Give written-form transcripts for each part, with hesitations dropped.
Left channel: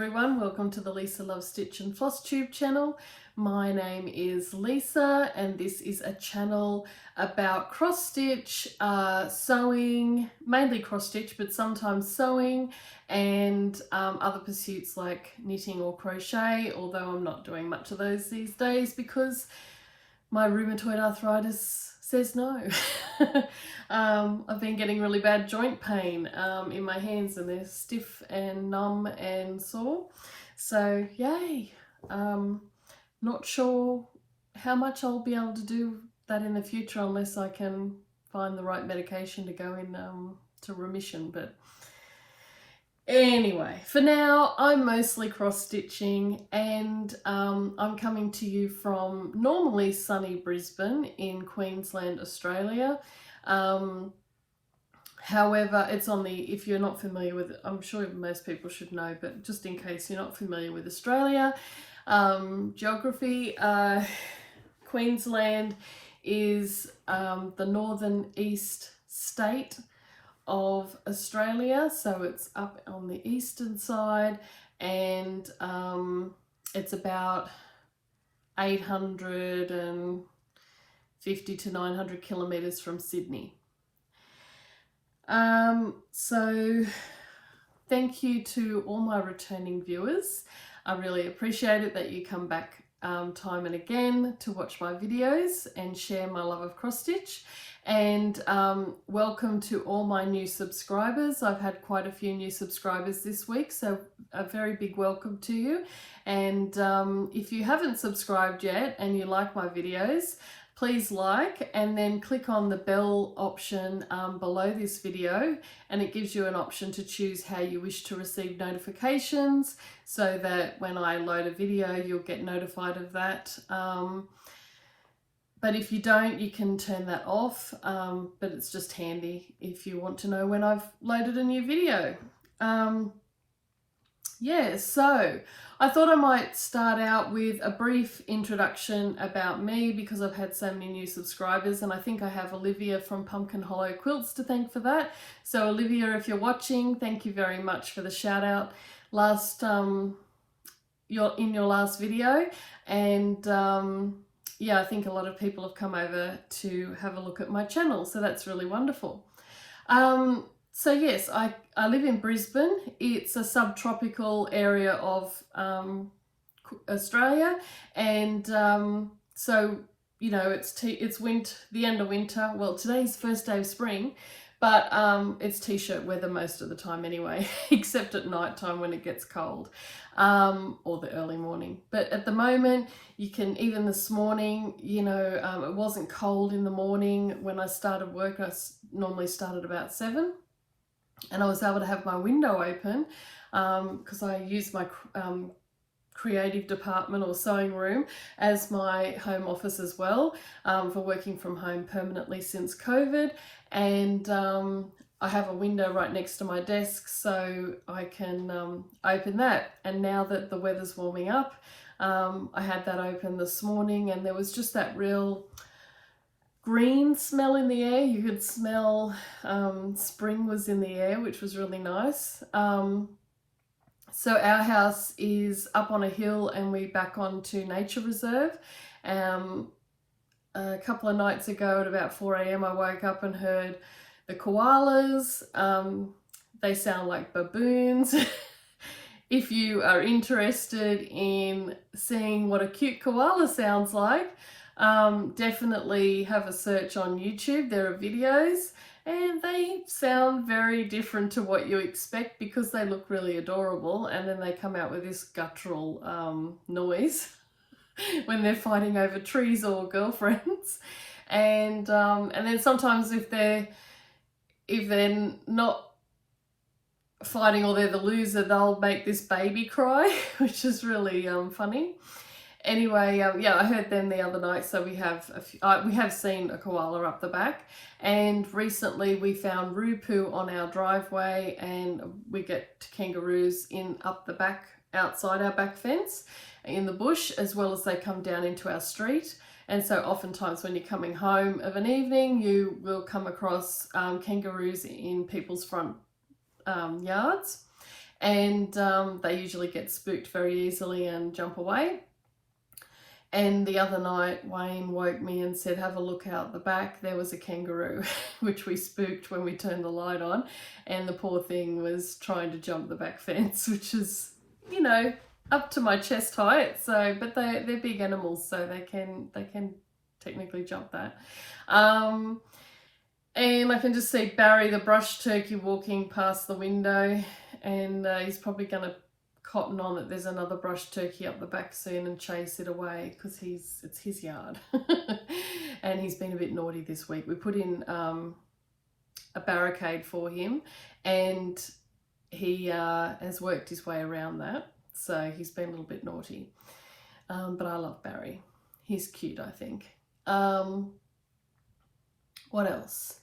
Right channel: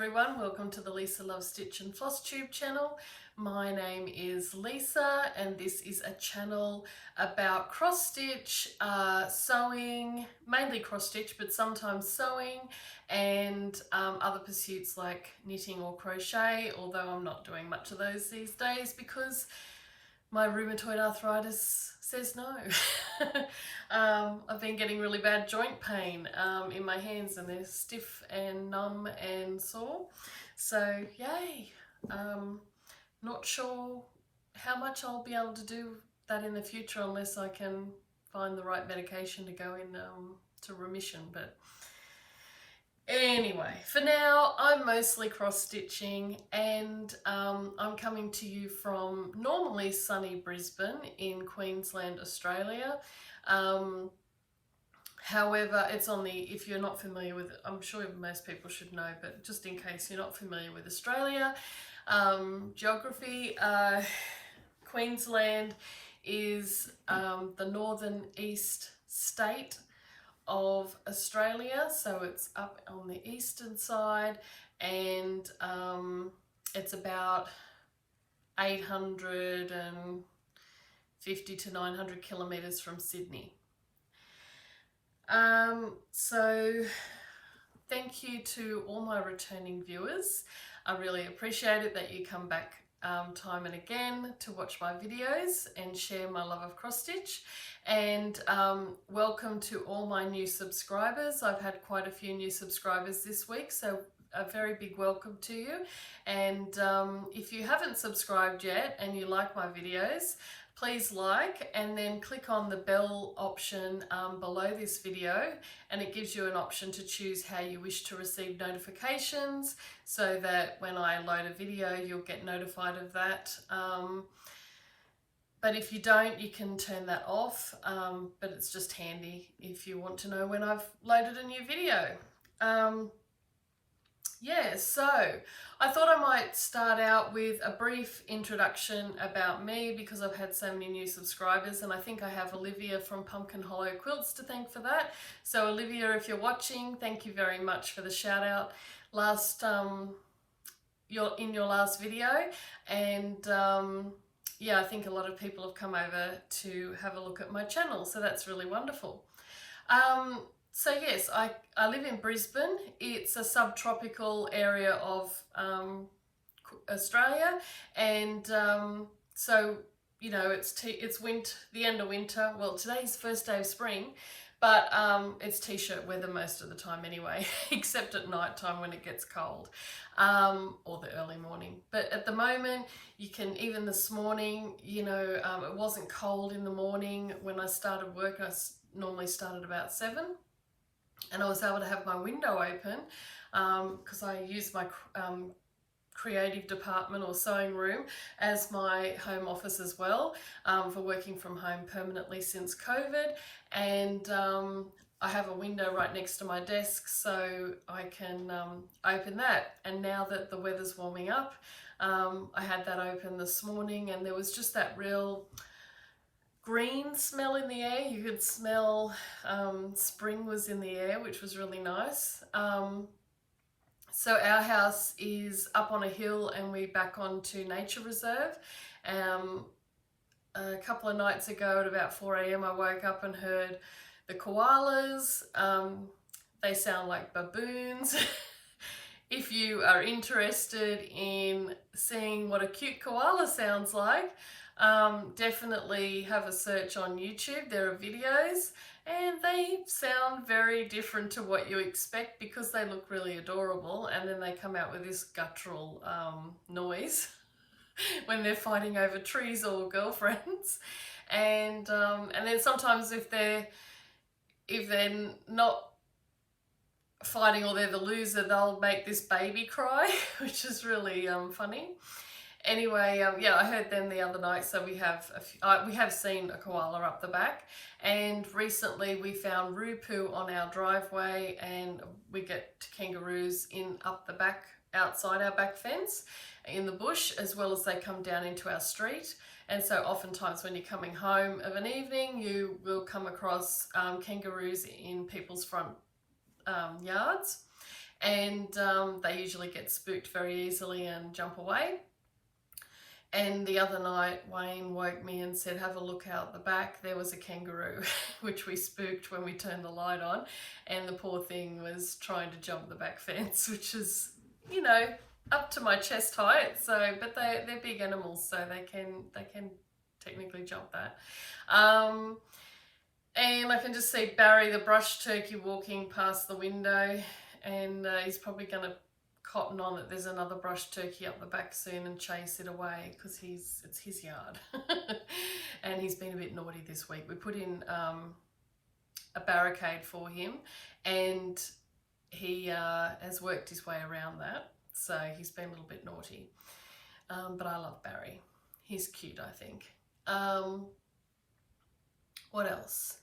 everyone, welcome to the LisaLovesStitchin Flosstube channel. My name is Lisa and this is a channel about cross stitch, sewing, mainly cross stitch but sometimes sewing, and other pursuits like knitting or crochet, although I'm not doing much of those these days because my rheumatoid arthritis says no. I've been getting really bad joint pain in my hands, and they're stiff and numb and sore. So yay. Not sure how much I'll be able to do that in the future unless I can find the right medication to go in to remission. But anyway, for now, I'm mostly cross-stitching, and I'm coming to you from normally sunny Brisbane in Queensland, Australia. However, it's on the, if you're not familiar with it, I'm sure most people should know, but just in case you're not familiar with Australia, geography, Queensland is the northern east state of Australia, so it's up on the eastern side, and it's about 850 to 900 kilometers from Sydney. So thank you to all my returning viewers. I really appreciate it that you come back time and again to watch my videos and share my love of cross stitch, and welcome to all my new subscribers. I've had quite a few new subscribers this week, so a very big welcome to you. And if you haven't subscribed yet and you like my videos, please like and then click on the bell option below this video, and it gives you an option to choose how you wish to receive notifications so that when I load a video you'll get notified of that. But if you don't, you can turn that off, but it's just handy if you want to know when I've loaded a new video. Yeah, so I thought I might start out with a brief introduction about me because I've had so many new subscribers, and I think I have Olivia from Pumpkin Hollow Quilts to thank for that. So Olivia, if you're watching, thank you very much for the shout out last in your last video. And yeah, I think a lot of people have come over to have a look at my channel, so that's really wonderful. So yes, I live in Brisbane. It's a subtropical area of Australia, and so you know it's the end of winter. Well, today's first day of spring, but it's t-shirt weather most of the time anyway, except at night time when it gets cold, or the early morning. But at the moment, you can, even this morning, you know, it wasn't cold in the morning when I started work. I normally started about 7. And I was able to have my window open because I use my creative department or sewing room as my home office as well, for working from home permanently since COVID. And I have a window right next to my desk, so I can open that. And now that the weather's warming up, I had that open this morning, and there was just that real green smell in the air. You could smell spring was in the air, which was really nice. So our house is up on a hill and we back onto nature reserve. A couple of nights ago at about 4 AM I woke up and heard the koalas. They sound like baboons. If you are interested in seeing what a cute koala sounds like, definitely have a search on YouTube. There are videos and they sound very different to what you expect because they look really adorable, and then they come out with this guttural noise when they're fighting over trees or girlfriends. And then sometimes if they're not fighting or they're the loser, they'll make this baby cry, which is really funny. Anyway, yeah, I heard them the other night, so we have seen a koala up the back, and recently we found rupu on our driveway, and we get kangaroos up the back, outside our back fence in the bush, as well as they come down into our street. And so oftentimes when you're coming home of an evening, you will come across kangaroos in people's front yards. and they usually get spooked very easily and jump away. And the other night, Wayne woke me and said, have a look out the back. There was a kangaroo, which we spooked when we turned the light on. And the poor thing was trying to jump the back fence, which is, you know, up to my chest height. So, but they're big animals, so they can technically jump that. And I can just see Barry the brush turkey walking past the window, and he's probably going to cotton on that there's another brush turkey up the back soon and chase it away, because it's his yard. And he's been a bit naughty this week. We put in a barricade for him, and he has worked his way around that, so he's been a little bit naughty. But I love Barry. He's cute, I think. What else?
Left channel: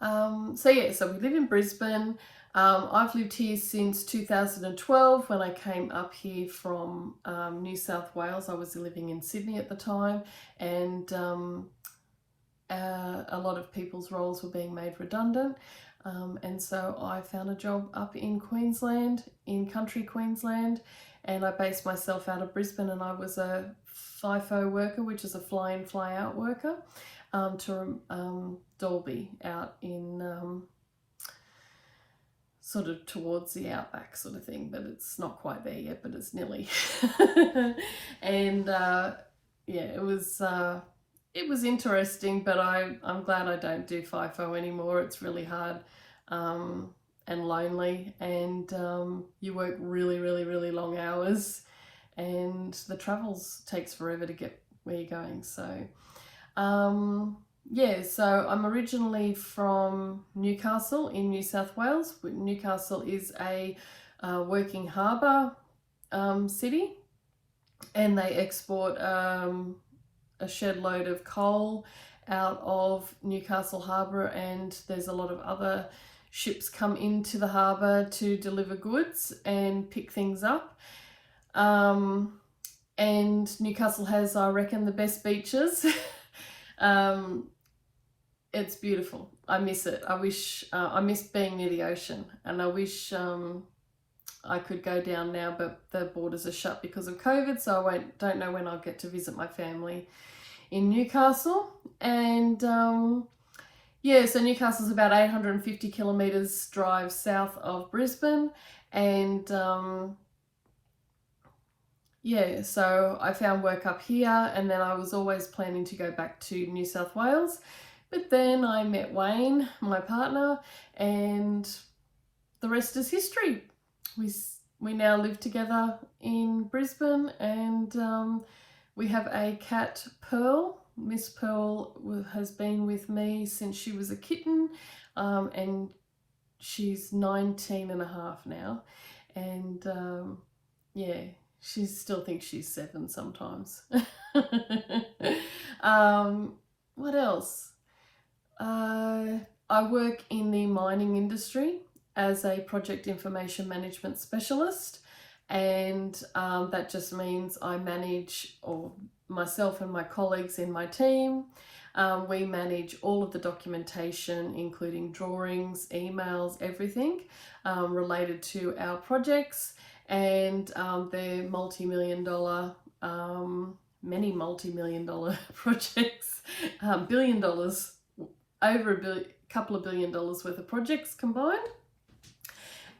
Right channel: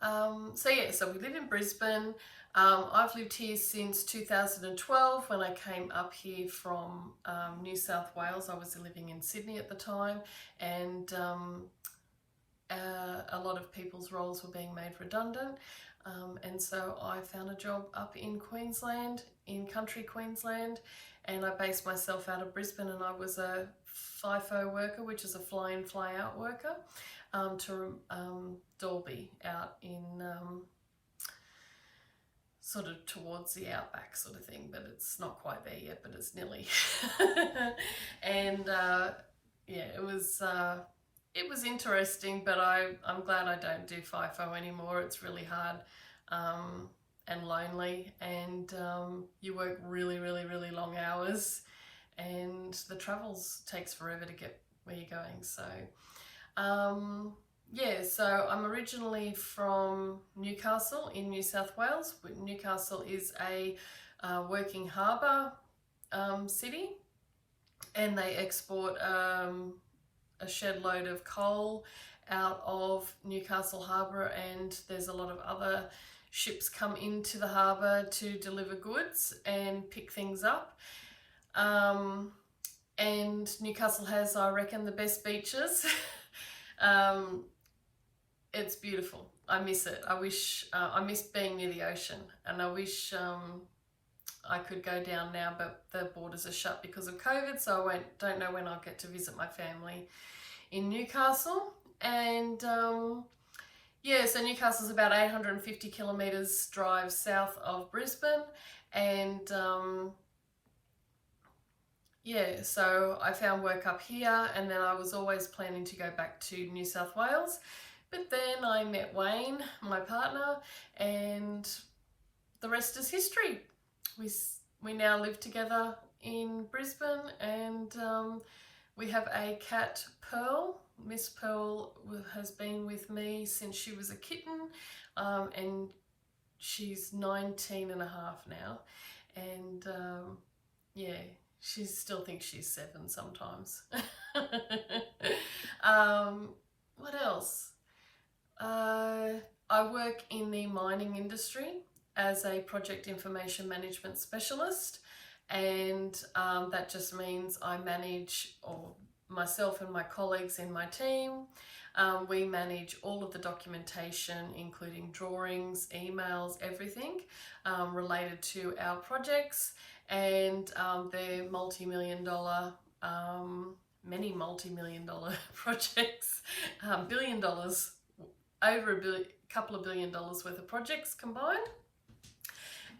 So we live in Brisbane. I've lived here since 2012 when I came up here from New South Wales. I was living in Sydney at the time, and a lot of people's roles were being made redundant, and so I found a job up in Queensland, in country Queensland, and I based myself out of Brisbane, and I was a FIFO worker, which is a fly-in fly-out worker, to Dalby out in sort of towards the outback sort of thing, but it's not quite there yet, but it's nearly. And yeah, it was interesting, but I'm glad I don't do FIFO anymore. It's really hard and lonely, and you work really, really, really long hours, and the travels takes forever to get where you're going. So yeah, so I'm originally from Newcastle in New South Wales. Newcastle is a working harbour city, and they export a shed load of coal out of Newcastle Harbour, and there's a lot of other ships come into the harbour to deliver goods and pick things up. And Newcastle has, I reckon, the best beaches. It's beautiful. I miss it. I wish I miss being near the ocean, and I wish I could go down now, but the borders are shut because of COVID, so I don't know when I'll get to visit my family in Newcastle. And yeah, so Newcastle's about 850 kilometres drive south of Brisbane, and yeah, so I found work up here, and then I was always planning to go back to New South Wales. But then I met Wayne, my partner, and the rest is history. We now live together in Brisbane, and we have a cat, Pearl. Miss Pearl has been with me since she was a kitten, and she's 19 and a half now. And yeah, she still thinks she's 7 sometimes. What else? I work in the mining industry as a project information management specialist, and that just means I manage, or myself and my colleagues in my team, we manage all of the documentation, including drawings, emails, everything related to our projects, and they're multi-million-dollar, many multi-million-dollar projects, $1 billion, over a couple of $1 billion worth of projects combined.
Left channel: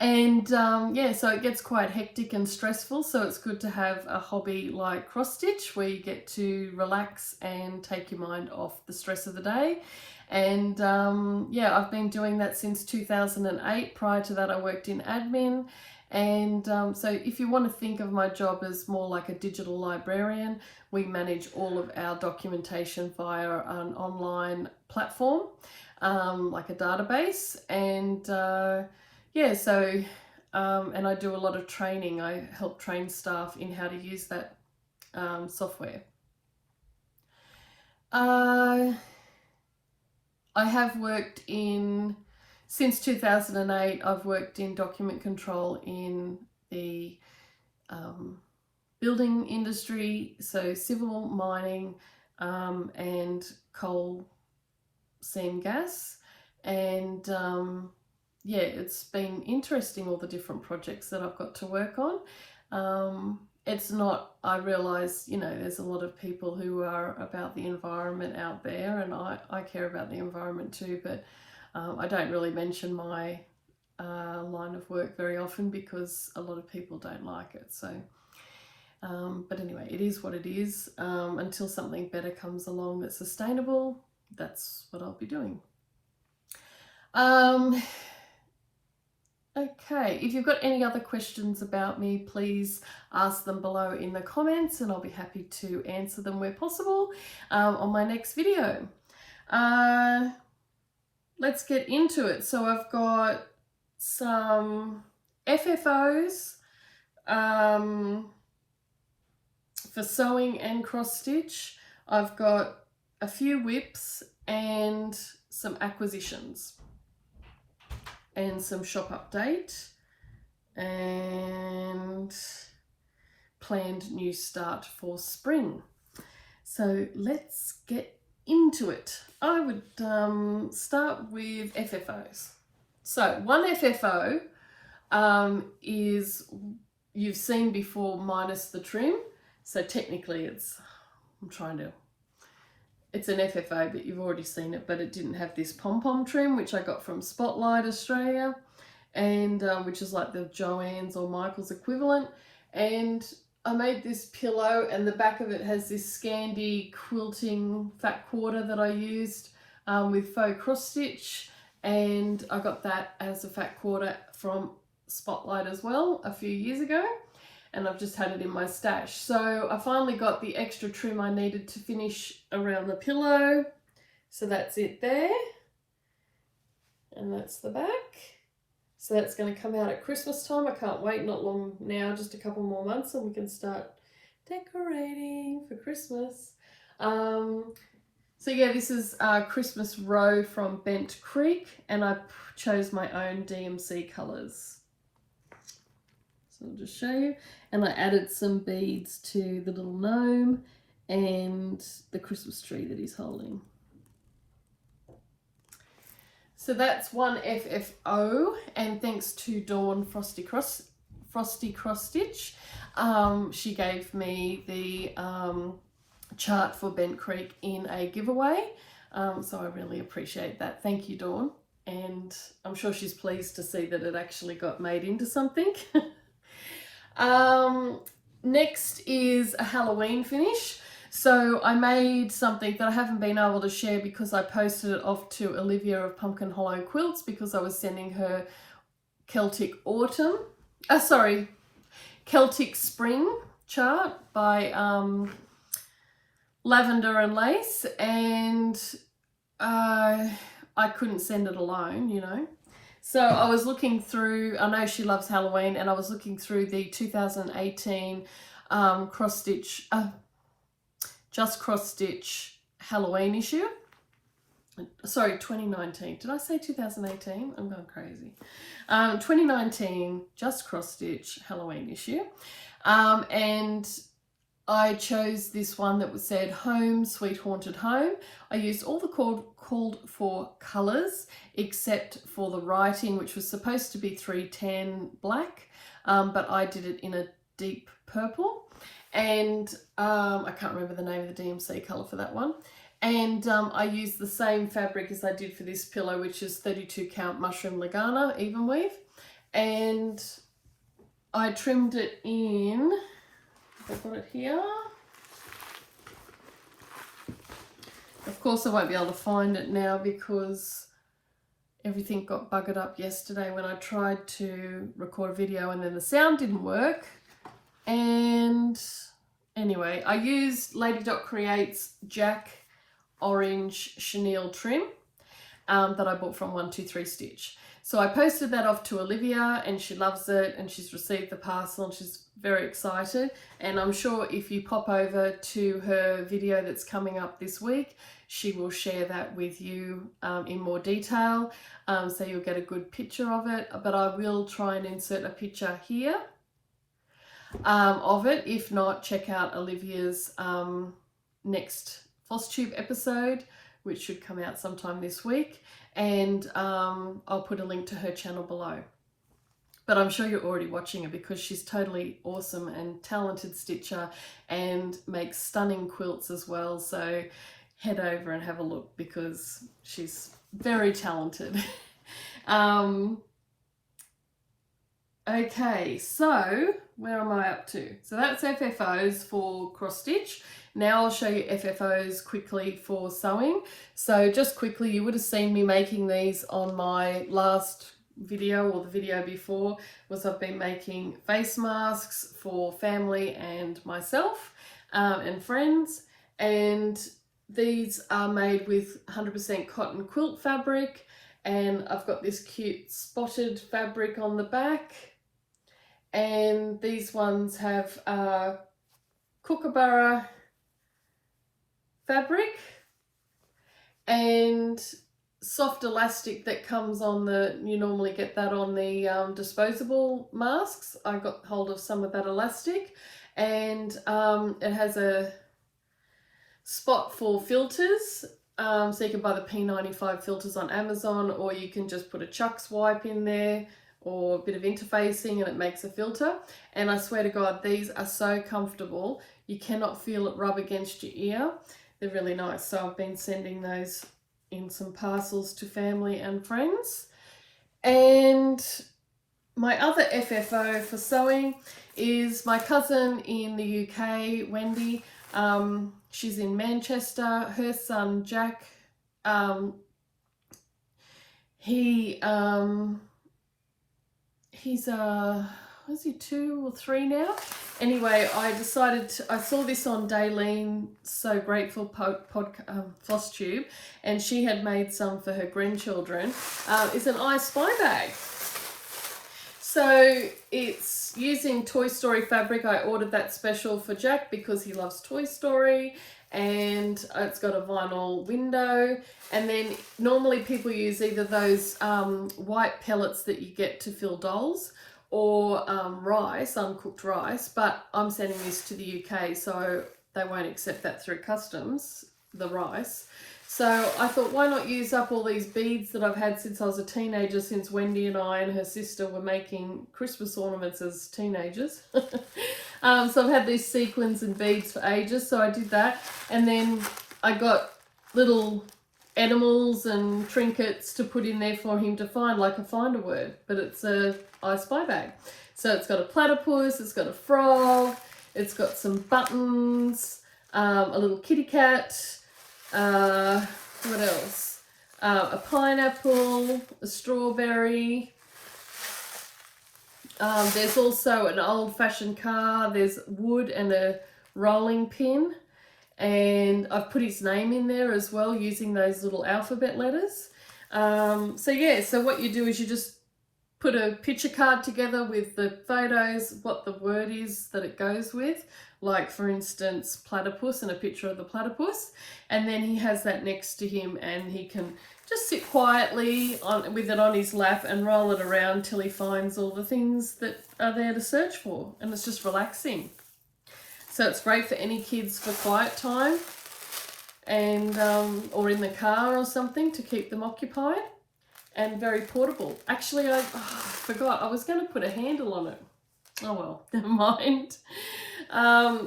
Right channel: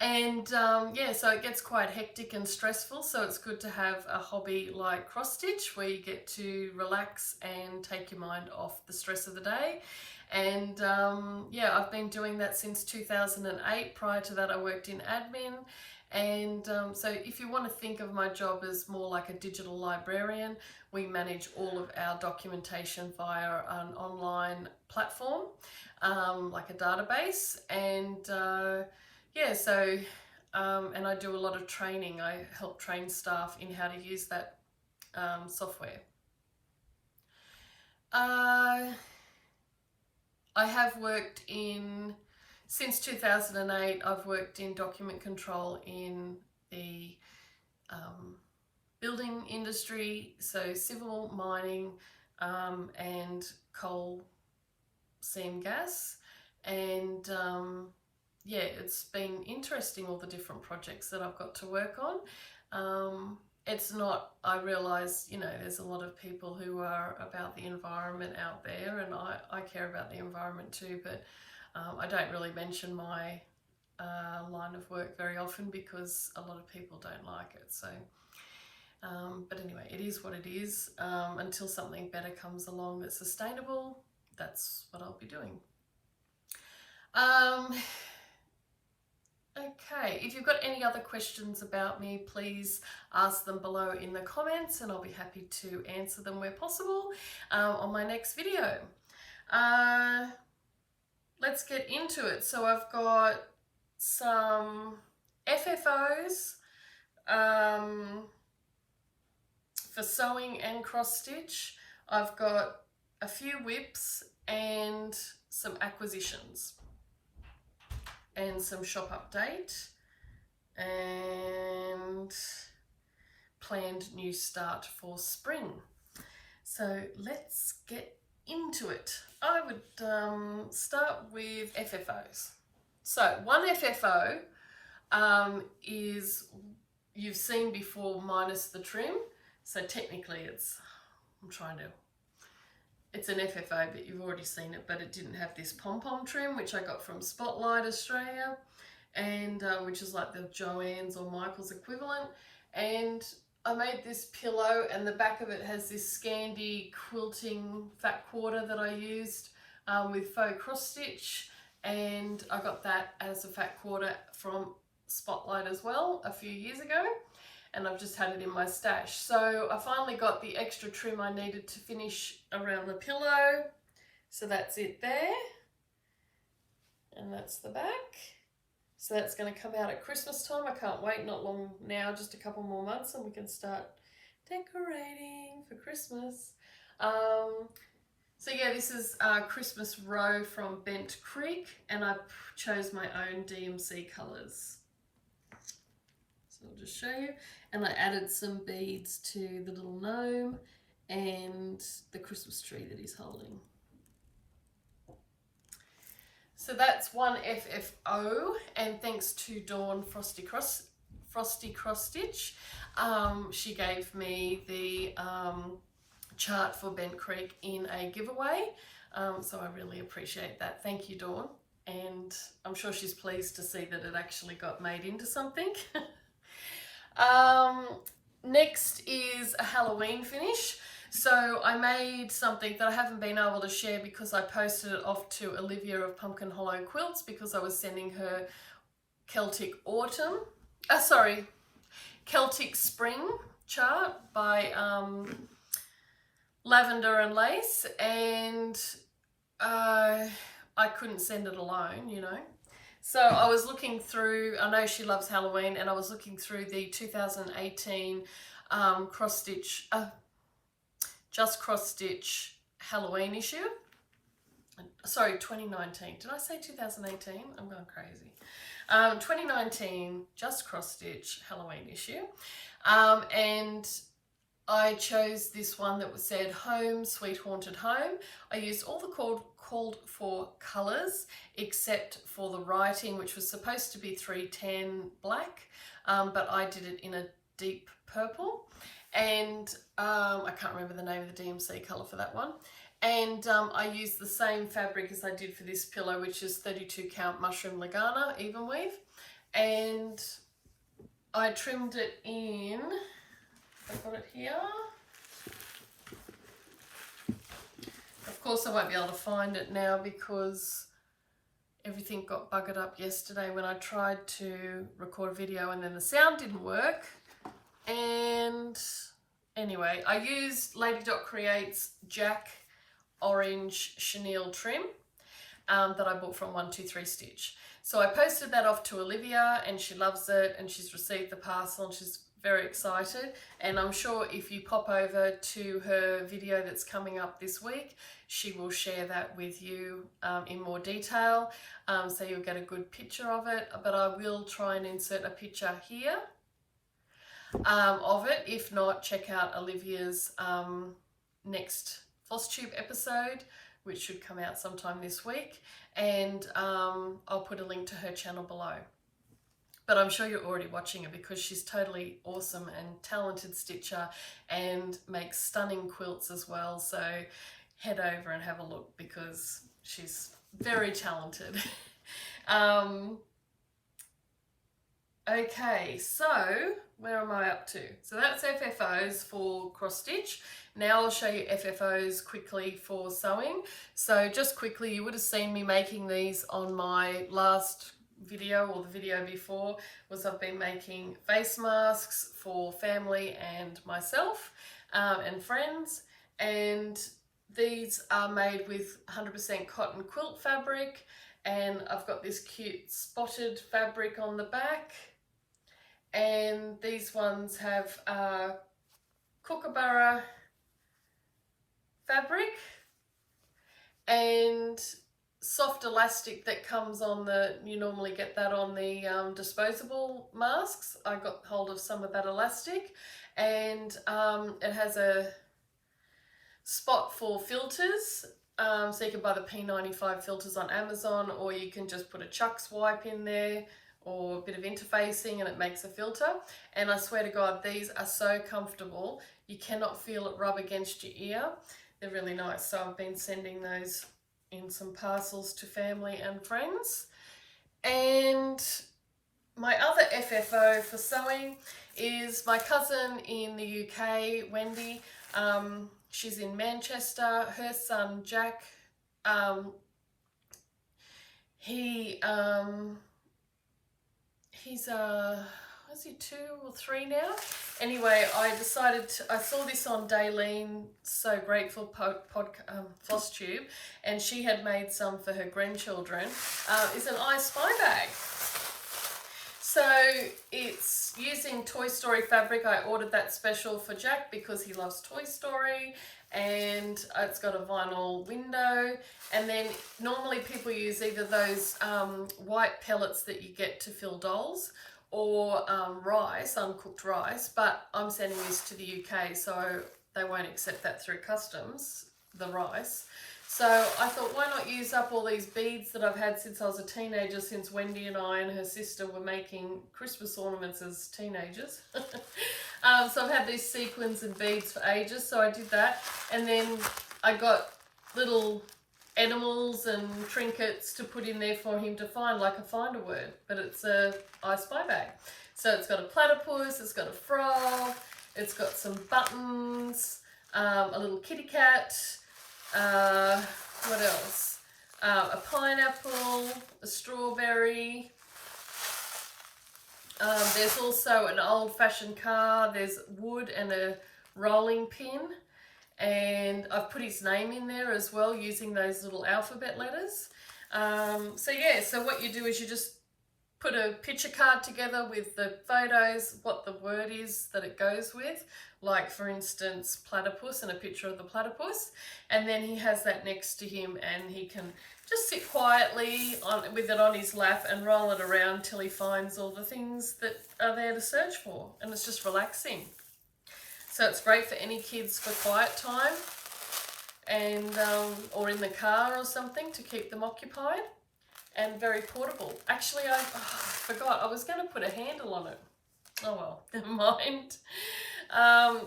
And yeah, so it gets quite hectic and stressful, so it's good to have a hobby like cross stitch, where you get to relax and take your mind off the stress of the day. And yeah, I've been doing that since 2008. Prior to that, I worked in admin. And so if you want to think of my job as more like a digital librarian, we manage all of our documentation via an online platform, like a database. And yeah, so, and I do a lot of training. I help train staff in how to use that software. I have worked in, since 2008, I've worked in document control in the building industry, so civil, mining, and coal seam gas. And yeah, it's been interesting, all the different projects that I've got to work on. It's not, I realise, you know, there's a lot of people who are about the environment out there, and I care about the environment too, but I don't really mention my line of work very often because a lot of people don't like it. So, but anyway, it is what it is. Until something better comes along that's sustainable, that's what I'll be doing. Okay, if you've got any other questions about me, please ask them below in the comments and I'll be happy to answer them where possible on my next video. Let's get into it. So I've got some FFOs for sewing and cross stitch. I've got a few whips and some acquisitions and some shop update and planned new start for spring. So let's get into it. I would start with FFOs. So one FFO is, you've seen before, minus the trim. So technically it's, it's an FFO, but you've already seen it, but it didn't have this pom-pom trim, which I got from Spotlight Australia, and which is like the Joann's or Michael's equivalent. And I made this pillow, and the back of it has this Scandi quilting fat quarter that I used with faux cross stitch, and I got that as a fat quarter from Spotlight as well a few years ago, and I've just had it in my stash. So I finally got the extra trim I needed to finish around the pillow. So that's it there. And that's the back. So that's going to come out at Christmas time. I can't wait, not long now, just a couple more months and we can start decorating for Christmas. So yeah, this is Christmas Row from Bent Creek, and I chose my own DMC colours. So I'll just show you. And I added some beads to the little gnome and the Christmas tree that he's holding. So that's one FFO, and thanks to Dawn Frosty Cross Stitch, she gave me the chart for Bent Creek in a giveaway. So I really appreciate that. Thank you, Dawn. And I'm sure she's pleased to see that it actually got made into something. Next is a Halloween finish. So I made something that I haven't been able to share because I posted it off to Olivia of Pumpkin Hollow Quilts because I was sending her Celtic Spring chart by Lavender and Lace, and I couldn't send it alone, you know. So I was looking through, I know she loves Halloween, and I was looking through the 2018 cross stitch, Just Cross Stitch Halloween issue. Sorry, 2019. Did I say 2018? I'm going crazy. 2019 Just Cross Stitch Halloween issue. And I chose this one that said Home, Sweet Haunted Home. I used all the called for colours except for the writing, which was supposed to be 310 black, but I did it in a deep purple. And I can't remember the name of the DMC colour for that one. And I used the same fabric as I did for this pillow, which is 32 count mushroom Lagana even weave. And I trimmed it in, I've got it here. Of course I won't be able to find it now because everything got buggered up yesterday when I tried to record a video and then the sound didn't work. And anyway, I used Lady Dot Creates Jack Orange Chenille trim that I bought from 123 Stitch. So I posted that off to Olivia and she loves it and she's received the parcel and she's very excited. And I'm sure if you pop over to her video that's coming up this week, she will share that with you in more detail. So you'll get a good picture of it, but I will try and insert a picture here of it. If not, check out Olivia's next Flosstube episode which should come out sometime this week, and I'll put a link to her channel below. But I'm sure you're already watching her because she's totally awesome and talented stitcher and makes stunning quilts as well. So head over and have a look because she's very talented. Okay, so where am I up to? So that's FFOs for cross stitch. Now I'll show you FFOs quickly for sewing. So just quickly, you would have seen me making these on my last video or the video before. Was I've been making face masks for family and myself and friends, and these are made with 100% cotton quilt fabric, and I've got this cute spotted fabric on the back, and these ones have kookaburra fabric and soft elastic that comes on the, you normally get that on the disposable masks. I got hold of some of that elastic, and it has a spot for filters, so you can buy the P95 filters on Amazon, or you can just put a Chuck's wipe in there or a bit of interfacing and it makes a filter. And I swear to God, these are so comfortable. You cannot feel it rub against your ear. They're really nice. So I've been sending those in some parcels to family and friends. And my other FFO for sewing is my cousin in the UK, Wendy. She's in Manchester. Her son Jack, he's was he 2 or 3 now? Anyway, I saw this on Daylene So Grateful Flosstube, and she had made some for her grandchildren. It's an I Spy bag. So it's using Toy Story fabric. I ordered that special for Jack because he loves Toy Story, and it's got a vinyl window. And then normally people use either those white pellets that you get to fill dolls, or rice, uncooked rice, but I'm sending this to the UK, so they won't accept that through customs, the rice. So I thought, why not use up all these beads that I've had since I was a teenager, since Wendy and I and her sister were making Christmas ornaments as teenagers. So I've had these sequins and beads for ages, so I did that. And then I got little animals and trinkets to put in there for him to find, like a find a word, but it's a I Spy bag. So it's got a platypus, it's got a frog, it's got some buttons, a little kitty cat, what else? A pineapple, a strawberry. There's also an old-fashioned car. There's wood and a rolling pin. And I've put his name in there as well using those little alphabet letters. So yeah, so what you do is you just put a picture card together with the photos, what the word is that it goes with, like for instance platypus, and a picture of the platypus, and then he has that next to him and he can just sit quietly with it on his lap and roll it around till he finds all the things that are there to search for, and it's just relaxing. So it's great for any kids for quiet time, and or in the car or something to keep them occupied. And very portable. Actually, I forgot. I was going to put a handle on it. Oh well, never mind.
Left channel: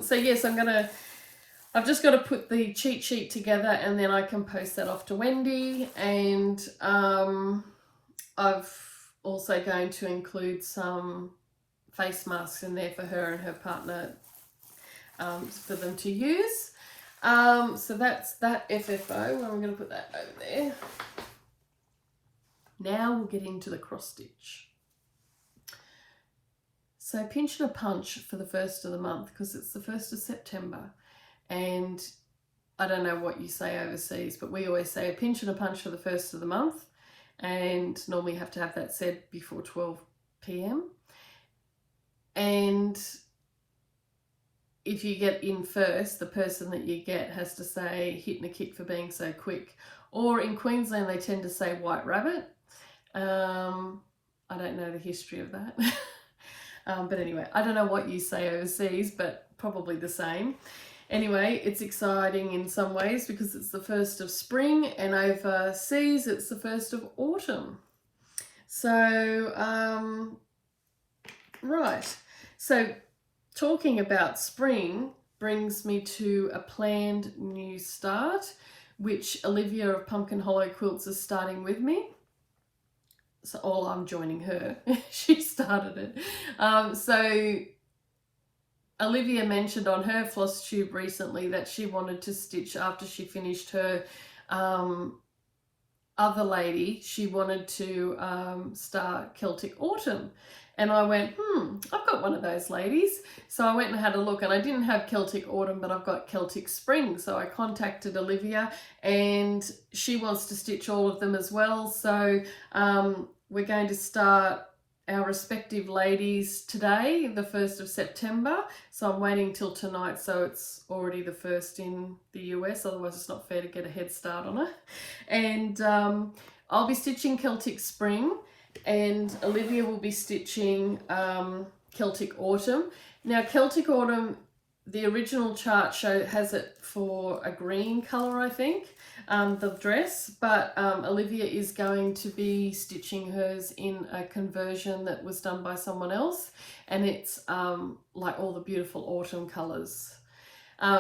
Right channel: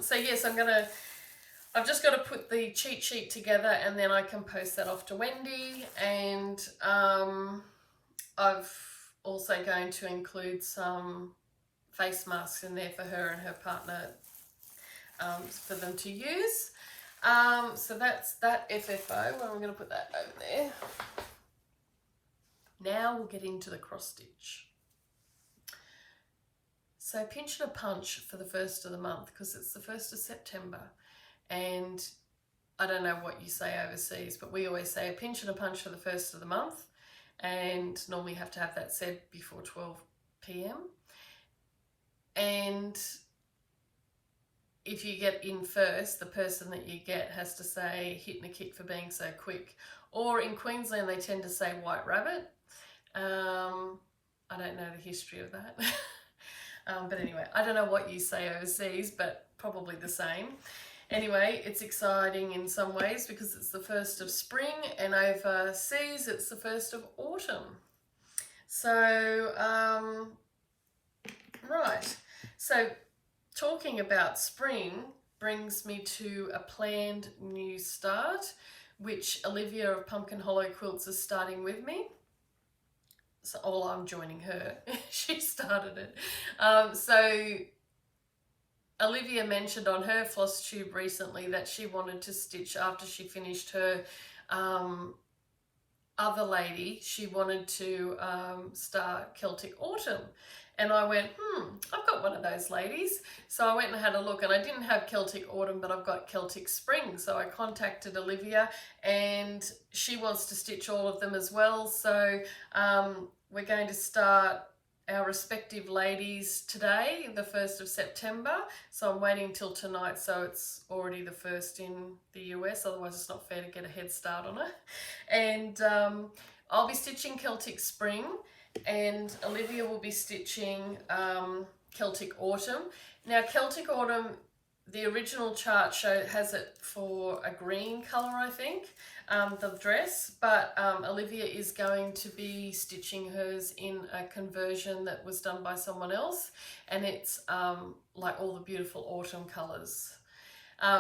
So yes, I've just got to put the cheat sheet together, and then I can post that off to Wendy. And I've also going to include some face masks in there for her and her partner for them to use. So that's that FFO. I'm going to put that over there. Now we'll get into the cross stitch. So pinch and a punch for the first of the month, because it's the 1st of September, and I don't know what you say overseas, but we always say a pinch and a punch for the 1st of the month, and normally you have to have that said before 12 p.m. And if you get in first, the person that you get has to say hit and a kick for being so quick. Or in Queensland, they tend to say white rabbit. I don't know the history of that. But anyway, I don't know what you say overseas, but probably the same. Anyway, it's exciting in some ways because it's the first of spring, and overseas it's the first of autumn. So, right. So, talking about spring brings me to a planned new start, which Olivia of Pumpkin Hollow Quilts is starting with me. So, I'm joining her. She started it. So Olivia mentioned on her Flosstube recently that she wanted to stitch after she finished her other lady. She wanted to start Celtic Autumn. And I went, I've got one of those ladies. So I went and had a look, and I didn't have Celtic Autumn, but I've got Celtic Spring. So I contacted Olivia, and she wants to stitch all of them as well. So we're going to start our respective ladies today, the 1st of September. So I'm waiting till tonight, so it's already the 1st in the US, otherwise it's not fair to get a head start on it. And I'll be stitching Celtic Spring, and Olivia will be stitching Celtic Autumn. Now Celtic Autumn, the original chart has it for a green colour, I think, the dress, but Olivia is going to be stitching hers in a conversion that was done by someone else, and it's like all the beautiful autumn colours.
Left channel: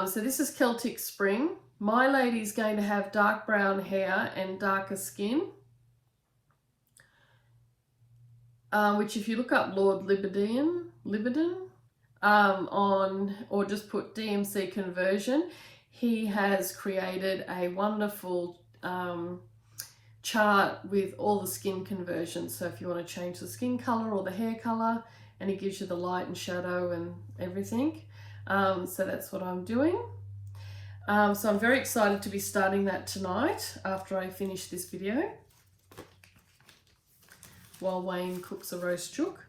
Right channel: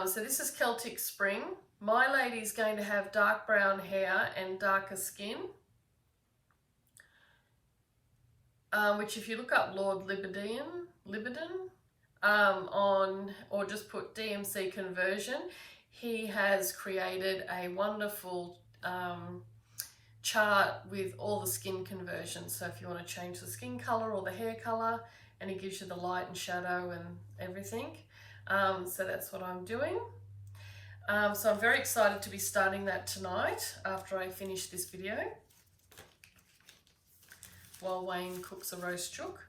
So this is Celtic Spring. My lady's going to have dark brown hair and darker skin, which if you look up Lord Libidin, or just put DMC conversion, he has created a wonderful chart with all the skin conversions. So if you want to change the skin color or the hair color, and he gives you the light and shadow and everything. So that's what I'm doing. So I'm very excited to be starting that tonight after I finish this video, while Wayne cooks a roast chook.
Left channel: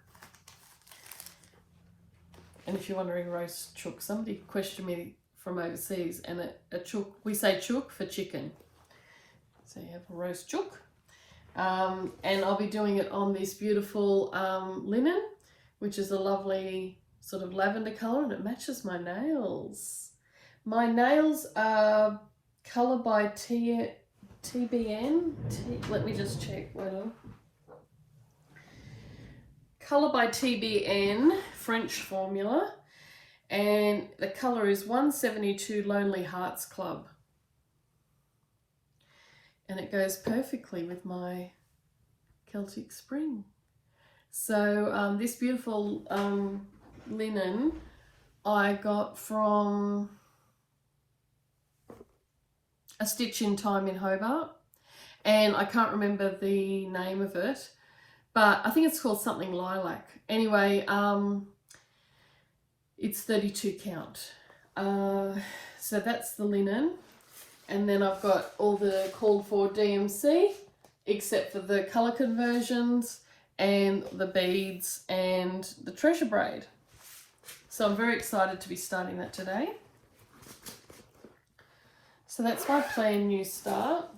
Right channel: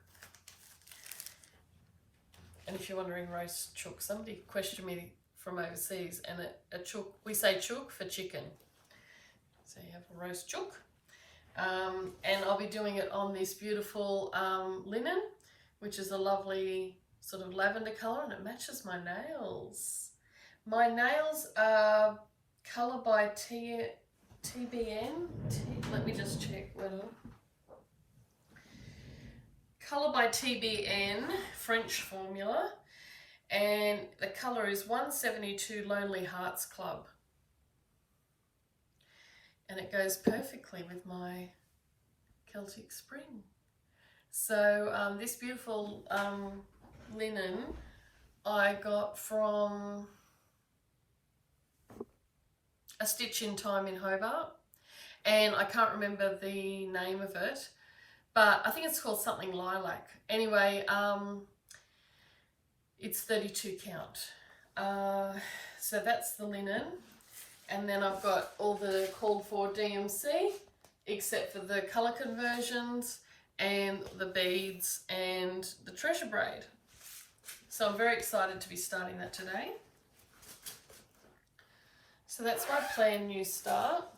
And if you're wondering, roast chook, somebody questioned me from overseas, and a chook, we say chook for chicken. So you have a roast chook. And I'll be doing it on this beautiful linen, which is a lovely sort of lavender colour, and it matches my nails. My nails are Colour by TBN. Let me just check. Wait on. Colour by TBN, French formula, and the colour is 172 Lonely Hearts Club, and it goes perfectly with my Celtic Spring. So this beautiful linen I got from a Stitch in Time in Hobart, and I can't remember the name of it, but I think it's called something lilac. Anyway, it's 32 count. So that's the linen. And then I've got all the called for DMC, except for the colour conversions and the beads and the treasure braid. So I'm very excited to be starting that today. So that's my planned new start.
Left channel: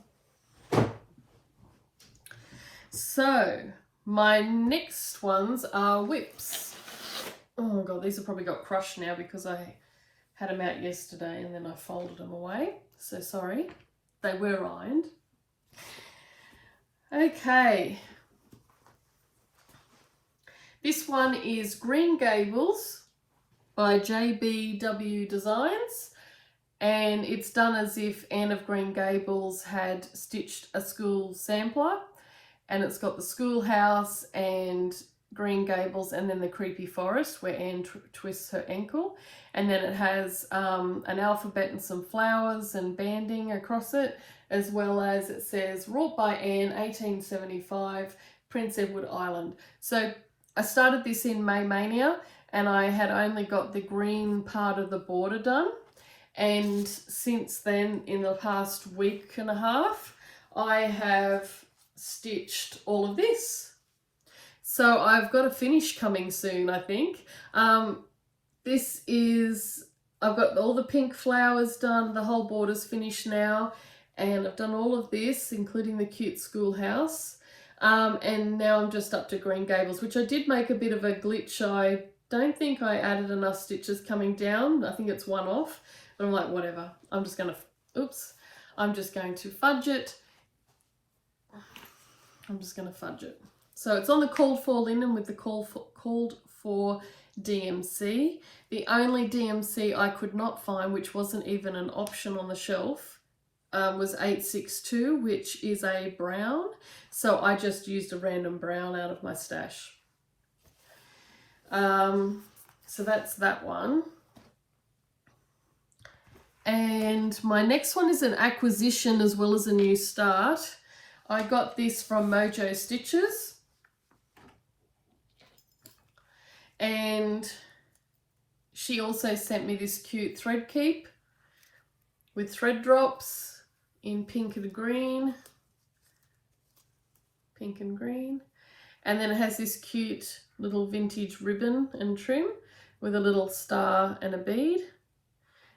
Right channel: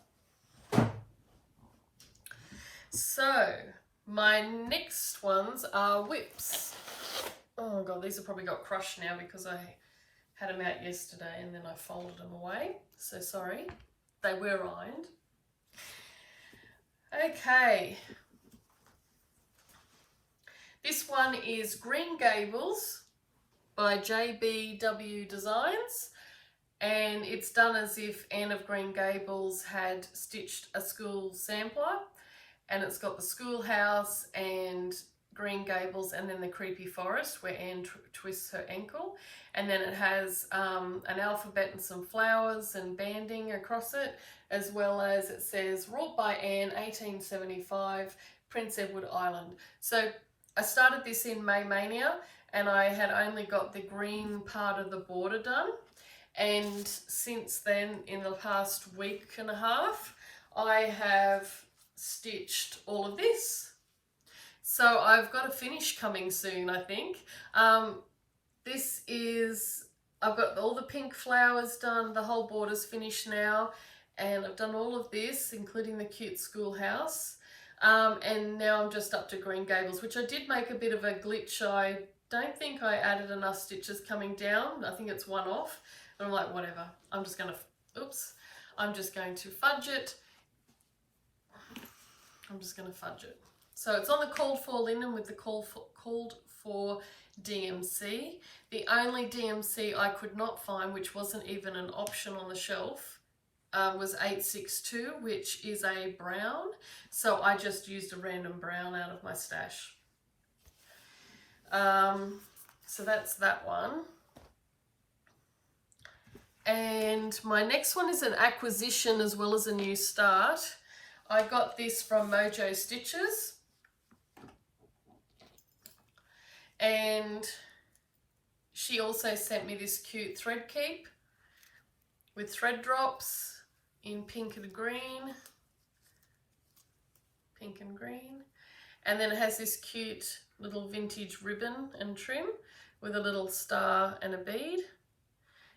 So my next ones are whips. Oh God, these have probably got crushed now because I had them out yesterday and then I folded them away. So sorry, they were ironed. Okay. This one is Green Gables by JBW Designs, and it's done as if Anne of Green Gables had stitched a school sampler, and it's got the schoolhouse and Green Gables and then the creepy forest where Anne twists her ankle, and then it has an alphabet and some flowers and banding across it, as well as it says wrought by Anne 1875 Prince Edward Island. So I started this in May Mania and I had only got the green part of the border done, and since then in the past week and a half I have stitched all of this. So I've got a finish coming soon, I think. This is, I've got all the pink flowers done, the whole border's finished now, and I've done all of this, including the cute schoolhouse. And now I'm just up to Green Gables, which I did make a bit of a glitch. I don't think I added enough stitches coming down. I think it's one off. But I'm like, whatever. I'm just going to, oops, I'm just going to fudge it. I'm just going to fudge it. So it's on the called for linen with the called for DMC. The only DMC I could not find, which wasn't even an option on the shelf, was 862, which is a brown. So I just used a random brown out of my stash. So that's that one. And my next one is an acquisition as well as a new start. I got this from Mojo Stitches. And she also sent me this cute thread keep with thread drops in pink and green. Pink and green. And then it has this cute little vintage ribbon and trim with a little star and a bead.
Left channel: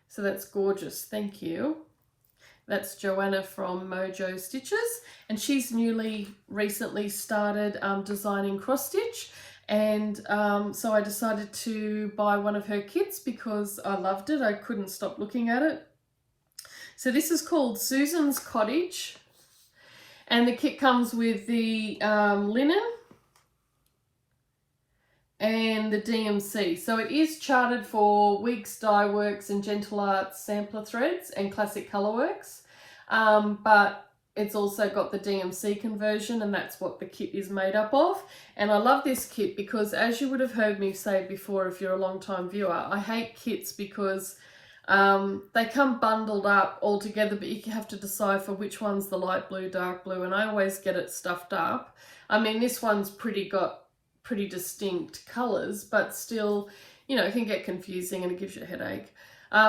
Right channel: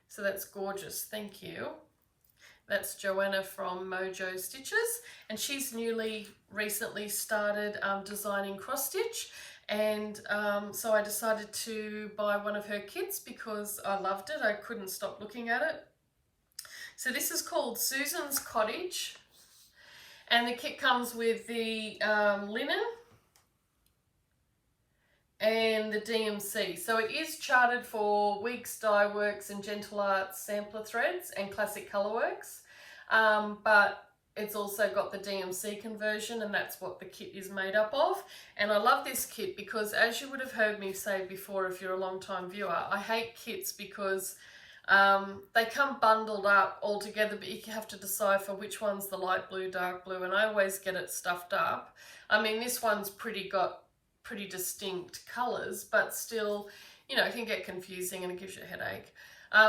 So that's gorgeous, thank you. That's Joanna from Mojo Stitches, and she's recently started designing cross stitch, and so I decided to buy one of her kits because I loved it. I couldn't stop looking at it. So this is called Susan's Cottage, and the kit comes with the linen and the DMC. So it is charted for Weeks Dye Works and Gentle Arts sampler threads and classic colorworks, but it's also got the DMC conversion, and that's what the kit is made up of. And I love this kit because, as you would have heard me say before if you're a long time viewer, I hate kits because they come bundled up all together, but you have to decipher which one's the light blue, dark blue, and I always get it stuffed up. I mean, this one's got pretty distinct colors, but still, you know, it can get confusing and it gives you a headache.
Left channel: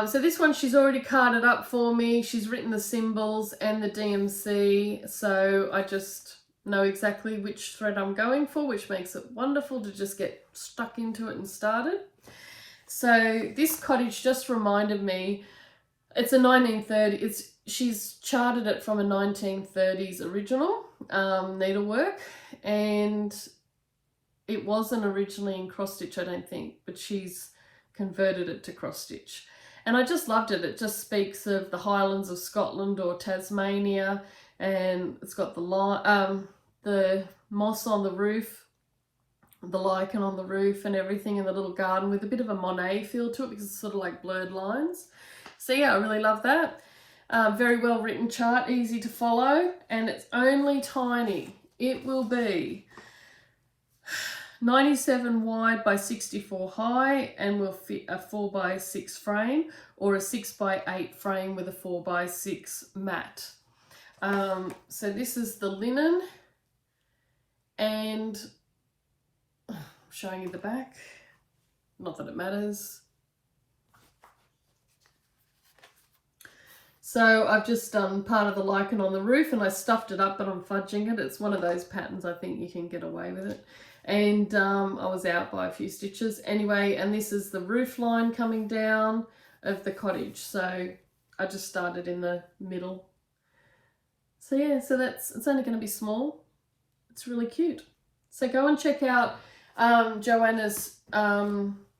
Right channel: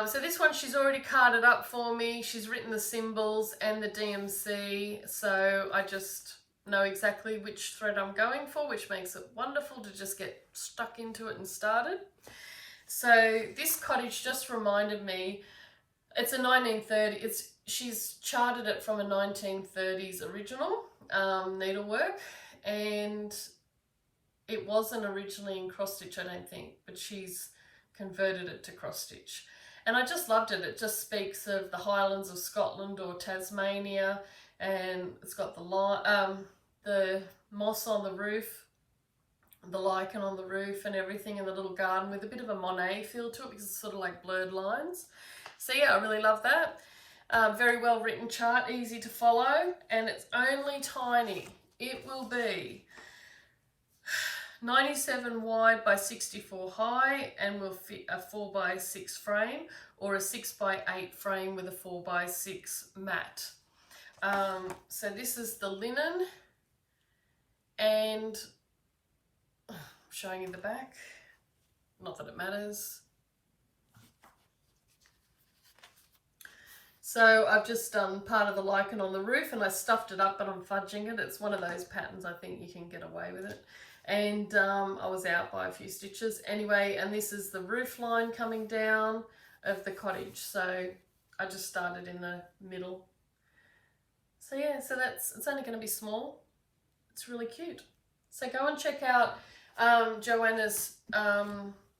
So this one she's already carded up for me. She's written the symbols and the DMC, so I just know exactly which thread I'm going for, which makes it wonderful to just get stuck into it and started. So this cottage just reminded me, it's a 1930, she's charted it from a 1930s original needlework, and it wasn't originally in cross stitch, I don't think, but she's converted it to cross stitch. And I just loved it. It just speaks of the Highlands of Scotland or Tasmania, and it's got the moss on the roof, the lichen on the roof and everything in the little garden with a bit of a Monet feel to it because it's sort of like blurred lines. So yeah, I really love that. Very well written chart, easy to follow, and it's only tiny. It will be 97 wide by 64 high and will fit a 4x6 frame or a 6x8 frame with a 4x6 mat. So this is the linen, and I'm showing you the back, not that it matters. So I've just done part of the lichen on the roof and I stuffed it up, but I'm fudging it. It's one of those patterns I think you can get away with it. And I was out by a few stitches anyway, and this is the roof line coming down of the cottage, so I just started in the middle. So yeah, so it's only going to be small. It's really cute. So go and check out Joanna's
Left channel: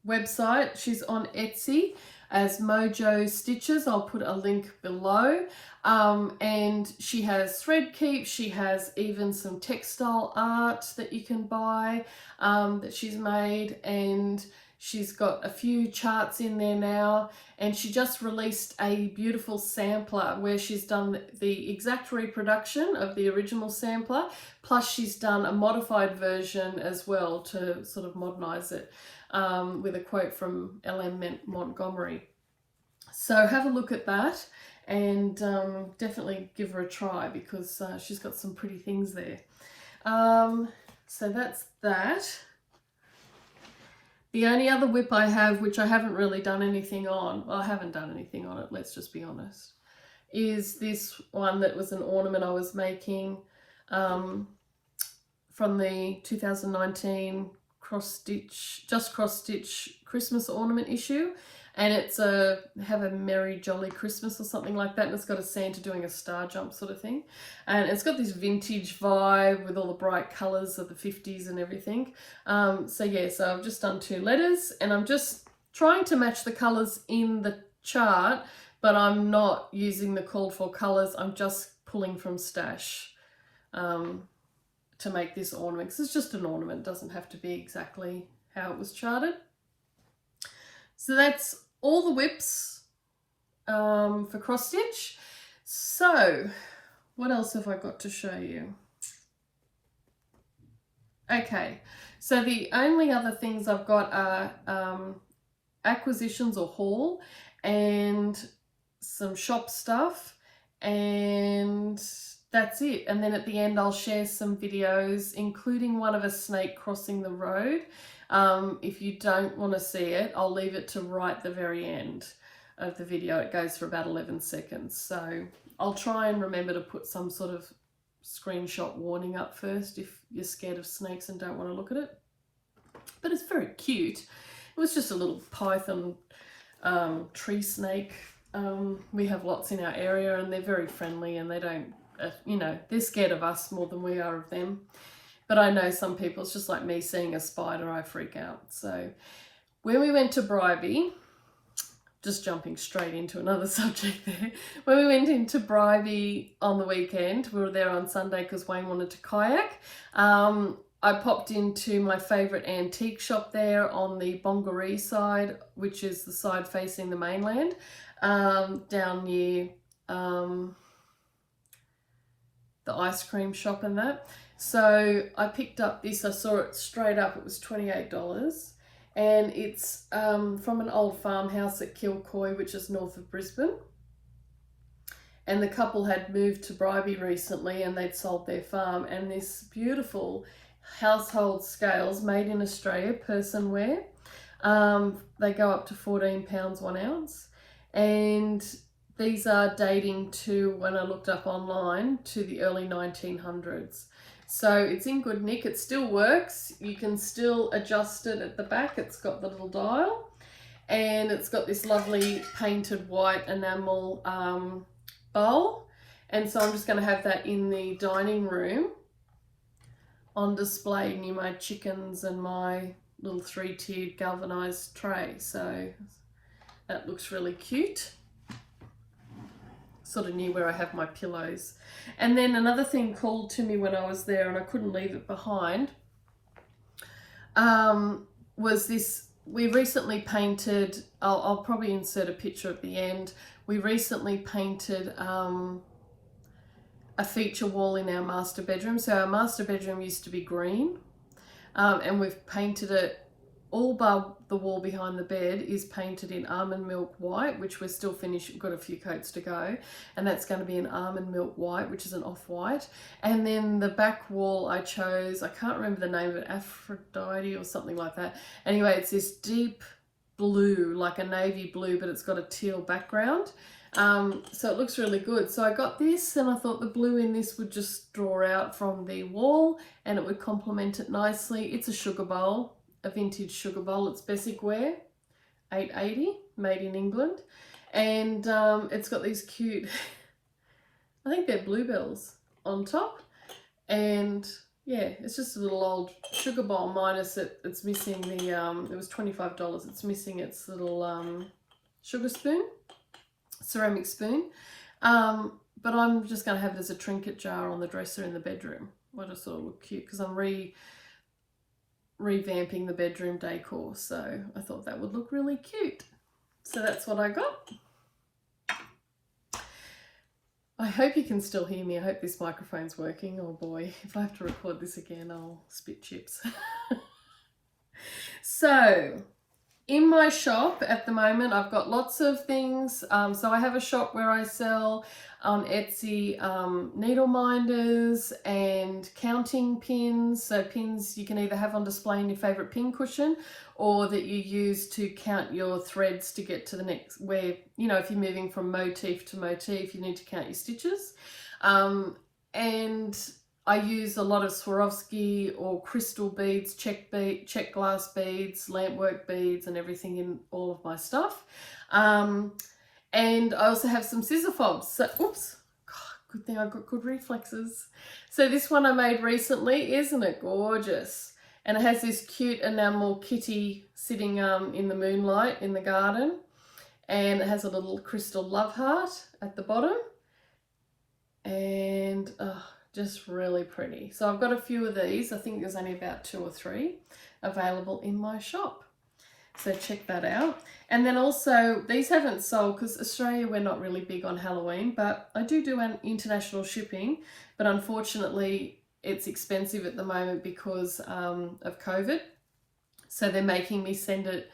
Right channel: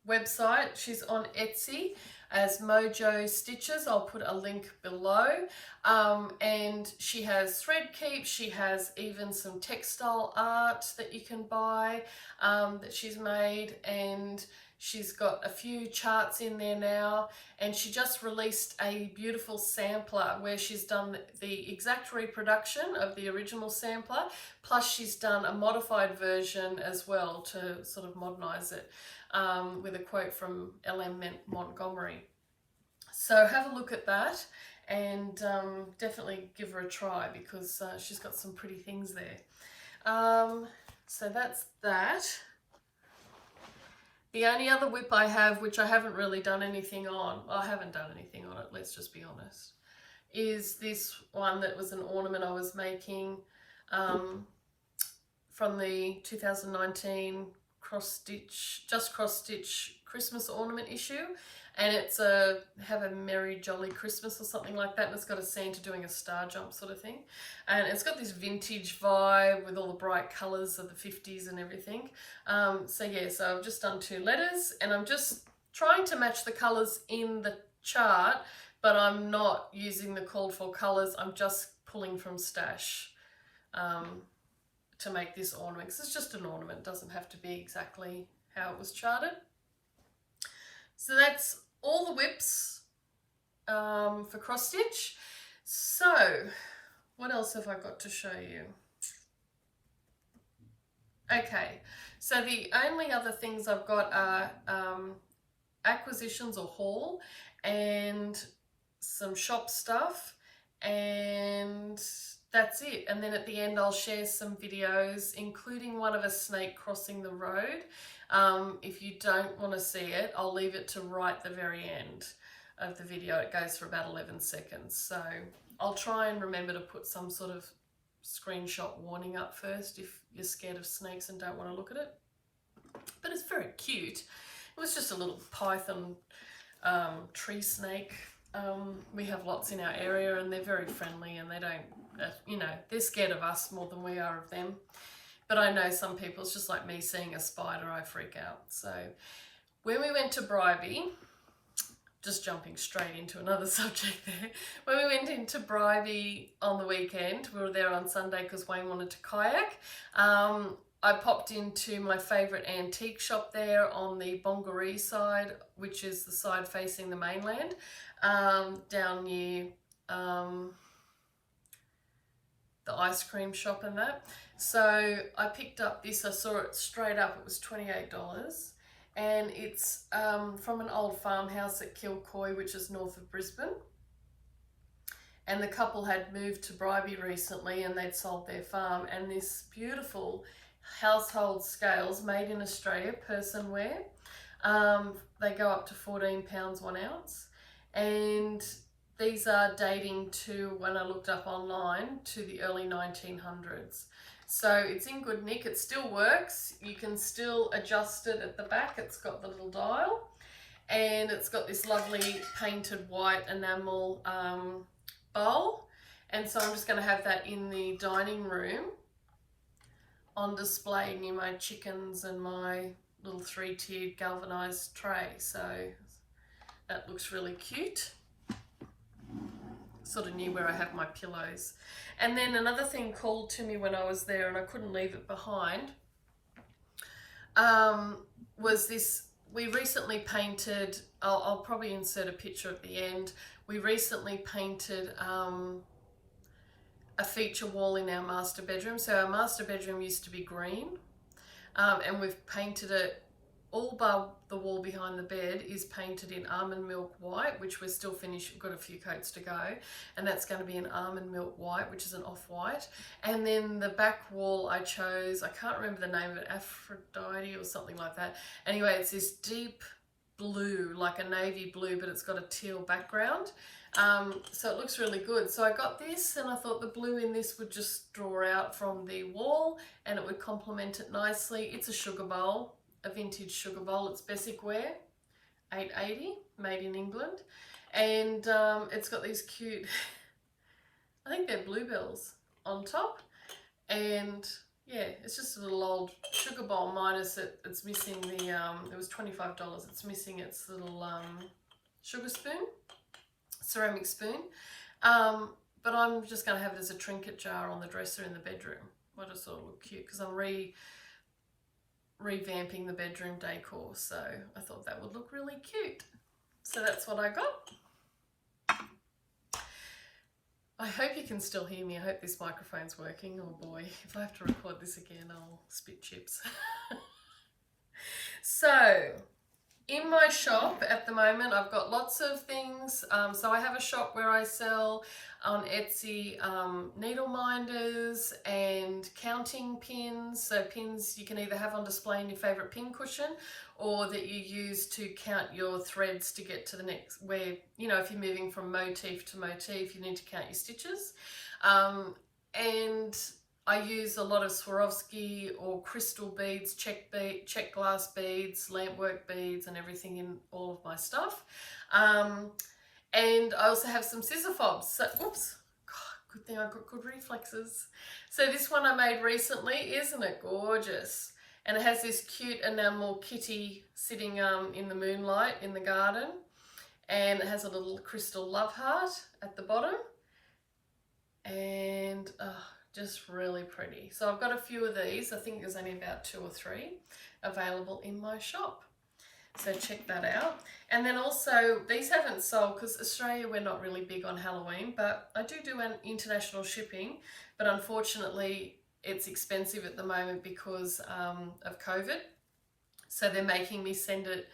website. She's on Etsy as Mojo Stitches. I'll put a link below. And she has thread keep. She has even some textile art that you can buy that she's made, and she's got a few charts in there now, and she just released a beautiful sampler where she's done the exact reproduction of the original sampler, plus she's done a modified version as well to sort of modernize it with a quote from L.M. Montgomery. So have a look at that and definitely give her a try because she's got some pretty things there. So that's that. The only other whip I have, which I haven't really done anything on, well, I haven't done anything on it, let's just be honest, is this one that was an ornament I was making from the 2019 cross stitch Christmas ornament issue. And it's have a merry jolly Christmas or something like that, and it's got a Santa doing a star jump sort of thing, and it's got this vintage vibe with all the bright colors of the 50s and everything. So yeah, so I've just done 2 letters, and I'm just trying to match the colors in the chart, but I'm not using the called for colors. I'm just pulling from stash to make this ornament, because it's just an ornament. It doesn't have to be exactly how it was charted. So that's all the whips for cross stitch. So what else have I got to show you? Okay, so the only other things I've got are acquisitions or haul and some shop stuff, and that's it. And then at the end I'll share some videos, including one of a snake crossing the road. If you don't want to see it, I'll leave it to right the very end of the video. It goes for about 11 seconds. So I'll try and remember to put some sort of screenshot warning up first if you're scared of snakes and don't want to look at it. But it's very cute. It was just a little python tree snake. We have lots in our area and they're very friendly, and they don't, you know, they're scared of us more than we are of them. But I know some people, it's just like me seeing a spider, I freak out. So when we went to Bribie, just jumping straight into another subject there. When we went into Bribie on the weekend, we were there on Sunday because Wayne wanted to kayak. I popped into my favourite antique shop there on the Bongaree side, which is the side facing the mainland, down near the ice cream shop and that. So I picked up this, I saw it straight up, it was $28. And it's from an old farmhouse at Kilcoy, which is north of Brisbane. And the couple had moved to Bribie recently and they'd sold their farm. And this beautiful household scales made in Australia, person wear. They go up to £14 1 ounce. And these are dating to, when I looked up online, to the early 1900s. So it's in good nick, it still works. You can still adjust it at the back. It's got the little dial and it's got this lovely painted white enamel bowl. And so I'm just going to have that in the dining room on display near my chickens and my little 3-tiered galvanized tray. So that looks really cute. Sort of near where I have my pillows. And then another thing called to me when I was there, and I couldn't leave it behind, was this. We recently painted, I'll probably insert a picture at the end. We recently painted a feature wall in our master bedroom. So our master bedroom used to be green, and we've painted it. All but the wall behind the bed is painted in almond milk white, which we're still finished. We've got a few coats to go. And that's going to be an almond milk white, which is an off-white. And then the back wall I chose, I can't remember the name of it, Aphrodite or something like that. Anyway, it's this deep blue, like a navy blue, but it's got a teal background. So it looks really good. So I got this and I thought the blue in this would just draw out from the wall and it would complement it nicely. It's a sugar bowl. A vintage sugar bowl. It's Bessic ware, $8.80, made in England, and it's got these cute, I think they're bluebells on top, and yeah, it's just a little old sugar bowl minus it's missing the it was $25. It's missing its little sugar spoon, ceramic spoon, but I'm just going to have it as a trinket jar on the dresser in the bedroom. I just thought it looked cute because I'm revamping the bedroom decor, so I thought that would look really cute. So that's what I got. I hope you can still hear me. I hope this microphone's working. Oh boy, if I have to record this again, I'll spit chips. So in my shop at the moment, I've got lots of things. So I have a shop where I sell on Etsy needle minders and counting pins. So pins you can either have on display in your favorite pin cushion or that you use to count your threads to get to the next, where, you know, if you're moving from motif to motif, you need to count your stitches. And I use a lot of Swarovski or crystal beads, check glass beads, lampwork beads and everything in all of my stuff. And I also have some scissor fobs. So, oops, God, good thing I got good reflexes. So this one I made recently, isn't it gorgeous? And it has this cute enamel kitty sitting in the moonlight in the garden. and it has a little crystal love heart at the bottom, and just really pretty. So I've got a few of these. I think there's only about 2 or 3 available in my shop. So check that out. And then also, these haven't sold because Australia, we're not really big on Halloween, but I do an international shipping, but unfortunately it's expensive at the moment because of COVID. So they're making me send it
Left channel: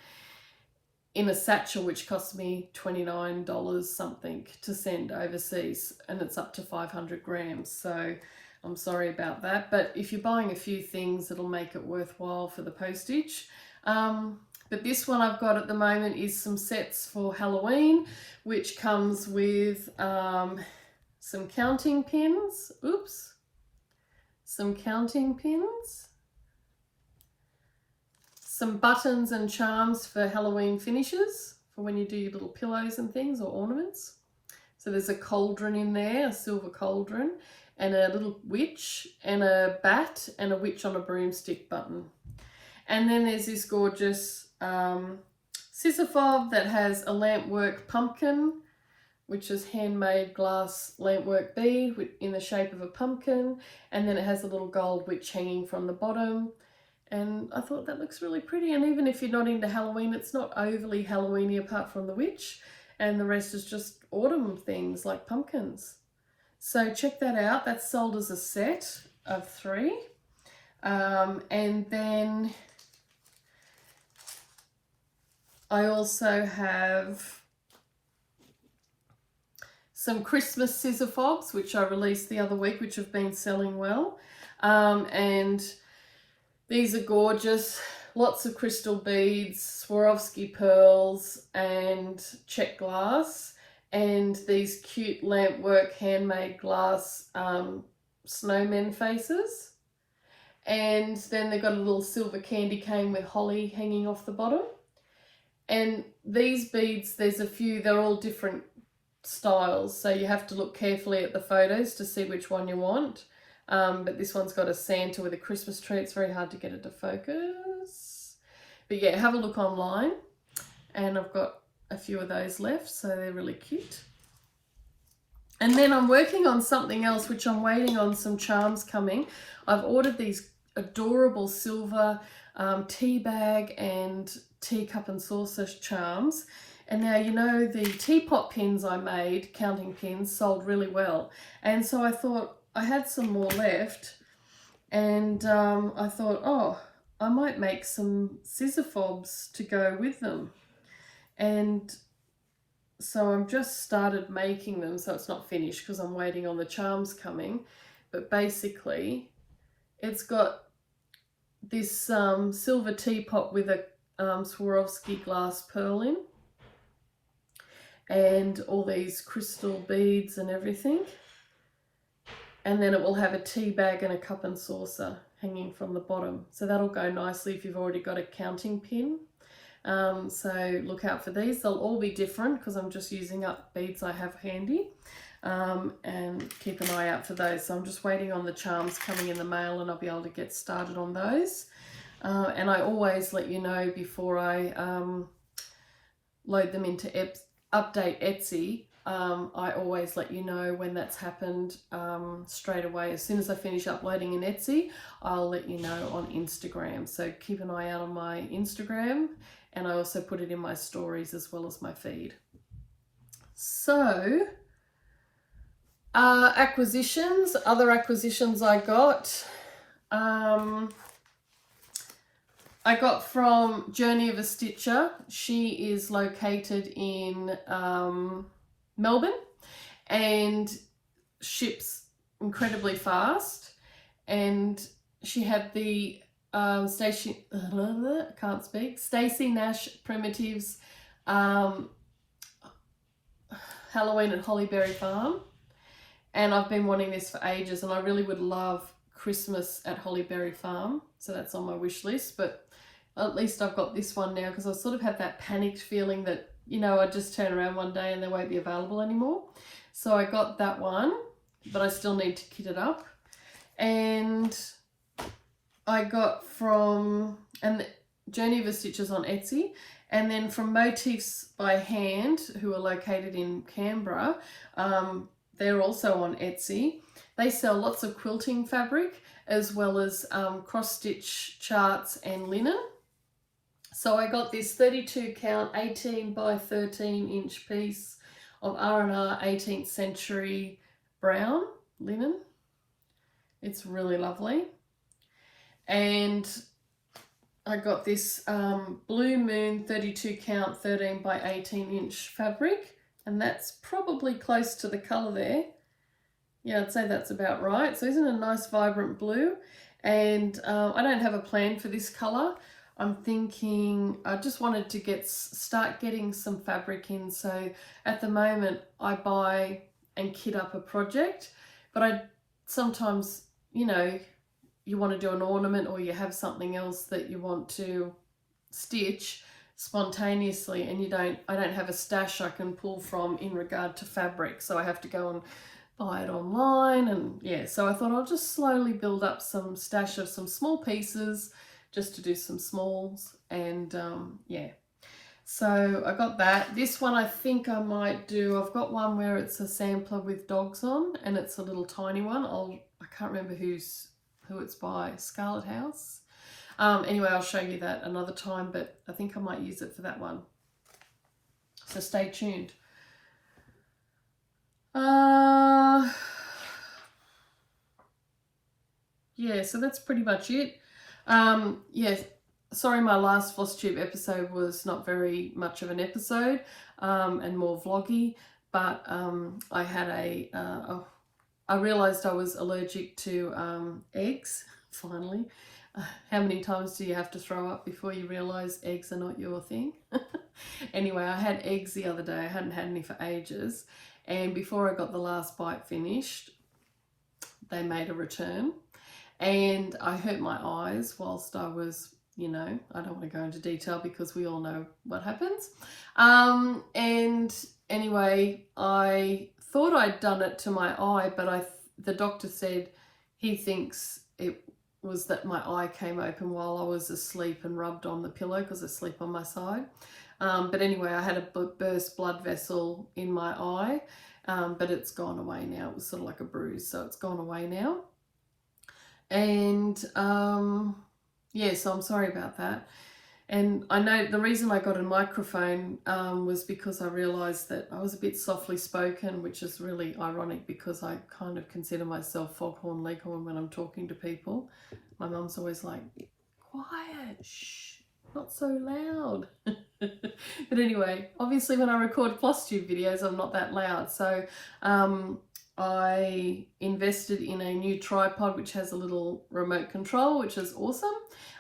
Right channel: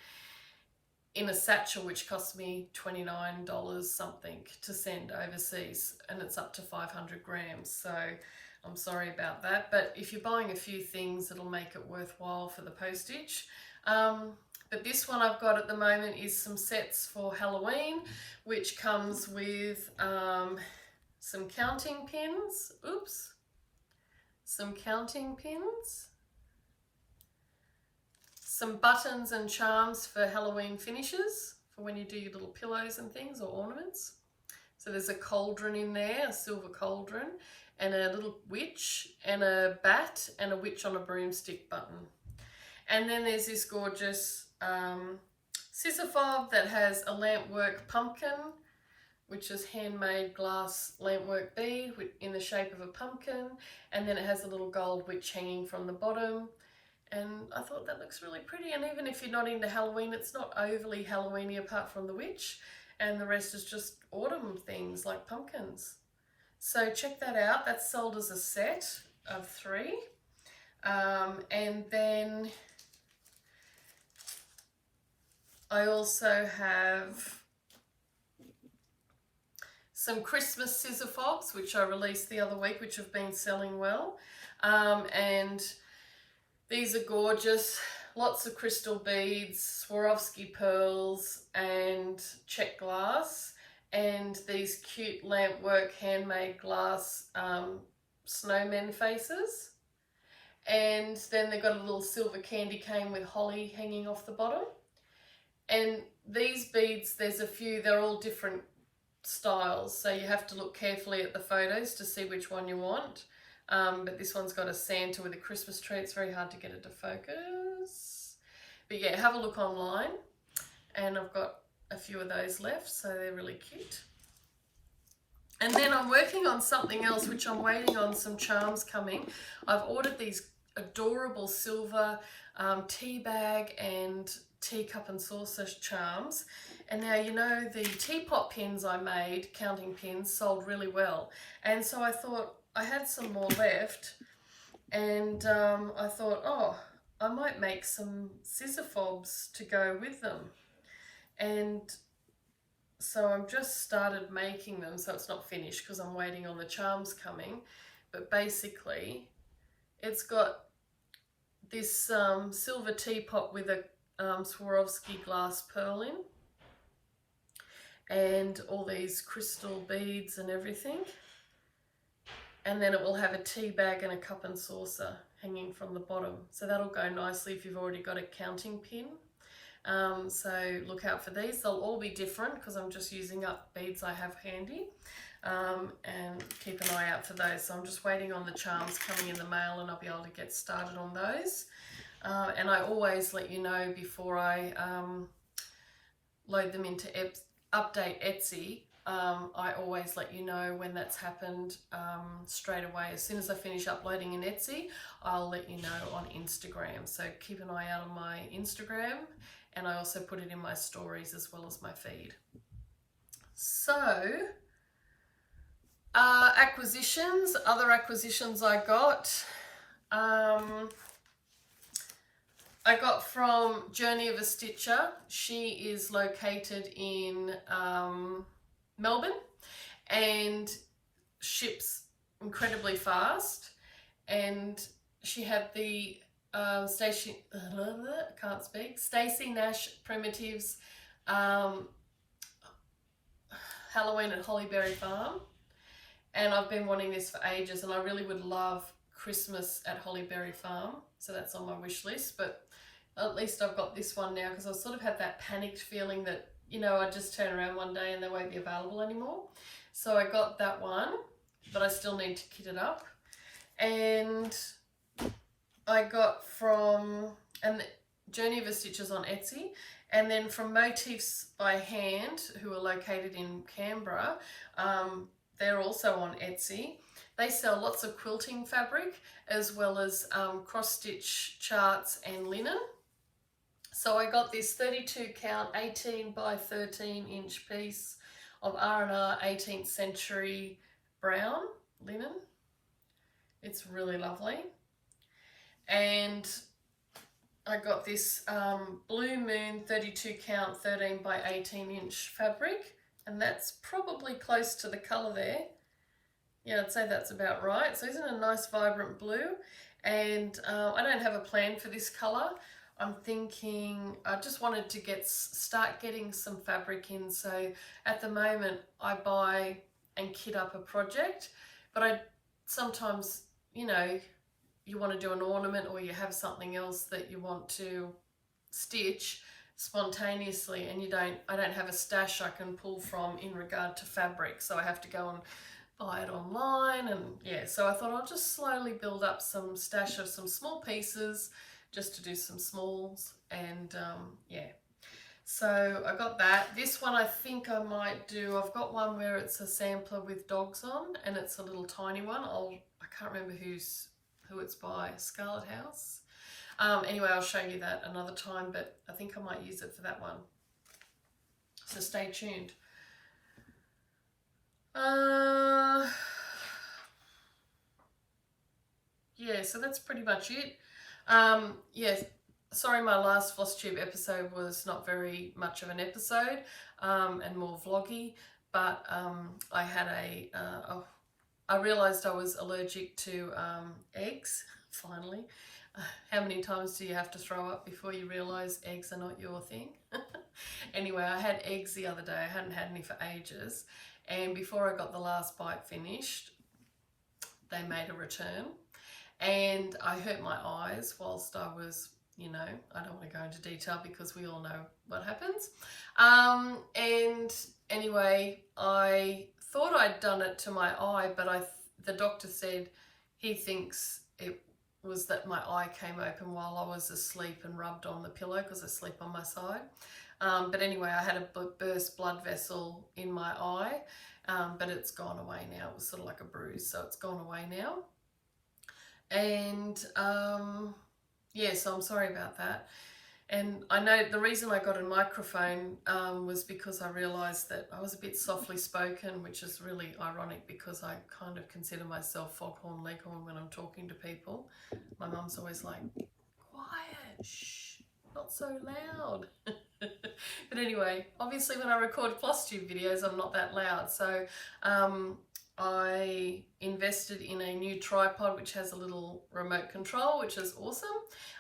in a satchel, which costs me $29 something to send overseas, and it's up to 500 grams. So I'm sorry about that, but if you're buying a few things, it'll make it worthwhile for the postage. But this one I've got at the moment is some sets for Halloween, which comes with some counting pins. Oops. Some counting pins. Some buttons and charms for Halloween finishes, for when you do your little pillows and things or ornaments. So there's a cauldron in there, a silver cauldron, and a little witch, and a bat, and a witch on a broomstick button. And then there's this gorgeous scissor fob that has a lampwork pumpkin, which is handmade glass lampwork bead in the shape of a pumpkin, and then it has a little gold witch hanging from the bottom. And I thought that looks really pretty, and even if you're not into Halloween, it's not overly Halloweeny apart from the witch, and the rest is just autumn things like pumpkins. So check that out. That's sold as a set of 3. And then I also have some Christmas scissor fobs, which I released the other week, which have been selling well. And these are gorgeous. Lots of crystal beads, Swarovski pearls, and check glass, and these cute lampwork handmade glass snowmen faces. And then they've got a little silver candy cane with holly hanging off the bottom. And these beads, there's a few, they're all different styles, so you have to look carefully at the photos to see which one you want. But this one's got a Santa with a Christmas tree. It's very hard to get it to focus. But yeah, have a look online. And I've got a few of those left, so they're really cute. And then I'm working on something else, which I'm waiting on some charms coming. I've ordered these adorable silver tea bag and teacup and saucer charms. And now, you know, the teapot pins I made, counting pins, sold really well. And so I thought, I had some more left, and I thought, oh, I might make some scissor fobs to go with them. And so I've just started making them, so it's not finished because I'm waiting on the charms coming. But basically, it's got this silver teapot with a Swarovski glass pearl in, and all these crystal beads and everything. And then it will have a tea bag and a cup and saucer hanging from the bottom. So that'll go nicely if you've already got a counting pin. So look out for these. They'll all be different because I'm just using up beads I have handy. And keep an eye out for those. So I'm just waiting on the charms coming in the mail, and I'll be able to get started on those. And I always let you know before I load them into Update Etsy. I always let you know when that's happened straight away. As soon as I finish uploading in Etsy, I'll let you know on Instagram. So keep an eye out on my Instagram, and I also put it in my stories as well as my feed. So, acquisitions, other acquisitions I got. I got from Journey of a Stitcher. She is located in Melbourne and ships incredibly fast. And she had the Stacey Nash Primitives Halloween at Hollyberry Farm. And I've been wanting this for ages, and I really would love Christmas at Hollyberry Farm. So that's on my wish list, but at least I've got this one now, because I sort of have that panicked feeling that, you know, I just turn around one day and they won't be available anymore. So I got that one, but I still need to kit it up. And I got from Journey of a Stitches on Etsy, And then from Motifsbyhand, who are located in Canberra, they're also on Etsy. They sell lots of quilting fabric as well as cross-stitch charts and linen. So I got this 32 count 18 by 13 inch piece of R&R 18th century brown linen. It's really lovely. And I got this Blue Moon 32 count 13 by 18 inch fabric, and that's probably close to the colour there. Yeah, I'd say that's about right. So isn't it a nice vibrant blue? And I don't have a plan for this colour. I'm thinking I just wanted to start getting some fabric in. So at the moment I buy and kit up a project, but I sometimes, you know, you want to do an ornament or you have something else that you want to stitch spontaneously, and I don't have a stash I can pull from in regard to fabric, so I have to go and buy it online. And yeah, so I thought I'll just slowly build up some stash of some small pieces just to do some smalls. And yeah, so I got that. This one I think I might do, I've got one where it's a sampler with dogs on, and it's a little tiny one. I can't remember who it's by, Scarlet House. Anyway, I'll show you that another time, but I think I might use it for that one. So stay tuned. Yeah, so that's pretty much it. Yes, sorry my last Flosstube episode was not very much of an episode and more vloggy, but I had I realised I was allergic to eggs, finally. How many times do you have to throw up before you realise eggs are not your thing? Anyway, I had eggs the other day. I hadn't had any for ages. And before I got the last bite finished, they made a return. And I hurt my eyes whilst I was, you know, I don't want to go into detail because we all know what happens. And anyway, I thought I'd done it to my eye, but the doctor said he thinks it was that my eye came open while I was asleep and rubbed on the pillow because I sleep on my side. But anyway, I had a burst blood vessel in my eye, but it's gone away now. It was sort of like a bruise, so it's gone away now. And yeah, so I'm sorry about that. And I know the reason I got a microphone was because I realised that I was a bit softly spoken, which is really ironic because I kind of consider myself foghorn leghorn when I'm talking to people. My mum's always like, quiet, shh, not so loud. But anyway, obviously when I record Flosstube videos, I'm not that loud. So I invested in a new tripod which has a little remote control, which is awesome.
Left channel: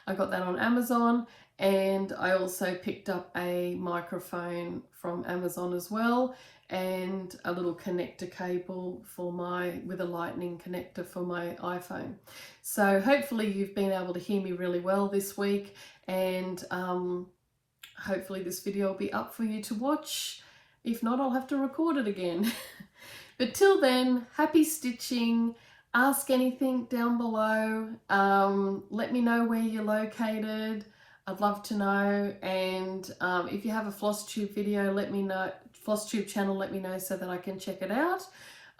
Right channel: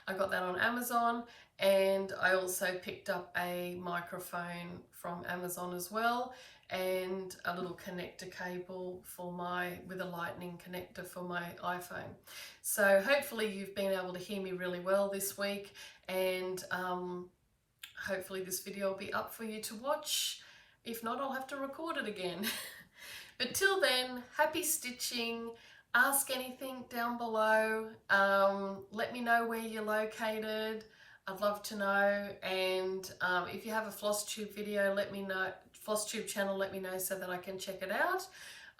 I got that on Amazon, and I also picked up a microphone from Amazon as well, and a little connector cable with a lightning connector for my iPhone. So hopefully you've been able to hear me really well this week, and hopefully this video will be up for you to watch. If not, I'll have to record it again. But till then, happy stitching. Ask anything down below. Let me know where you're located. I'd love to know. And if you have a Flosstube video, let me know. Flosstube channel, let me know so that I can check it out.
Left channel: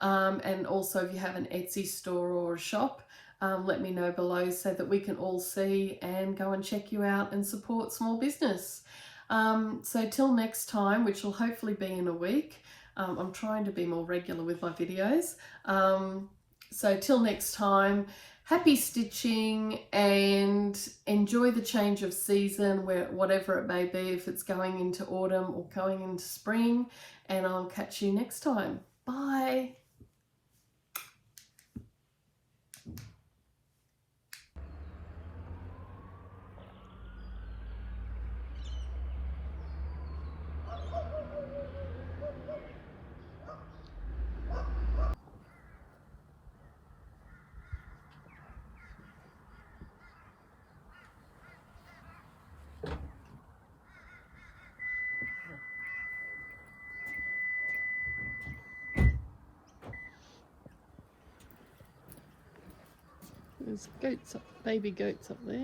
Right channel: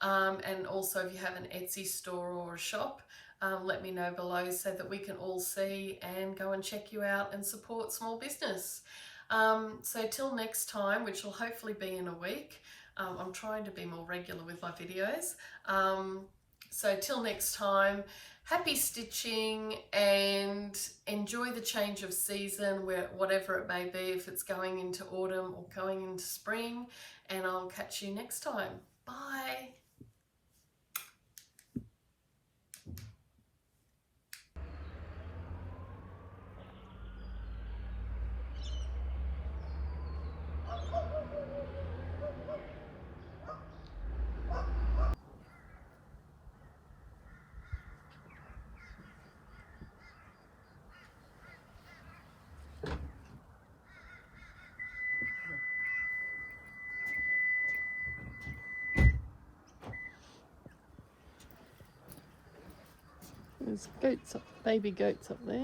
And also if you have an Etsy store or a shop, let me know below so that we can all see and go and check you out and support small business. So till next time, which will hopefully be in a week. I'm trying to be more regular with my videos. So till next time, happy stitching and enjoy the change of season, whatever it may be, if it's going into autumn or going into spring, and I'll catch you next time. Bye. There's goats baby goats up there.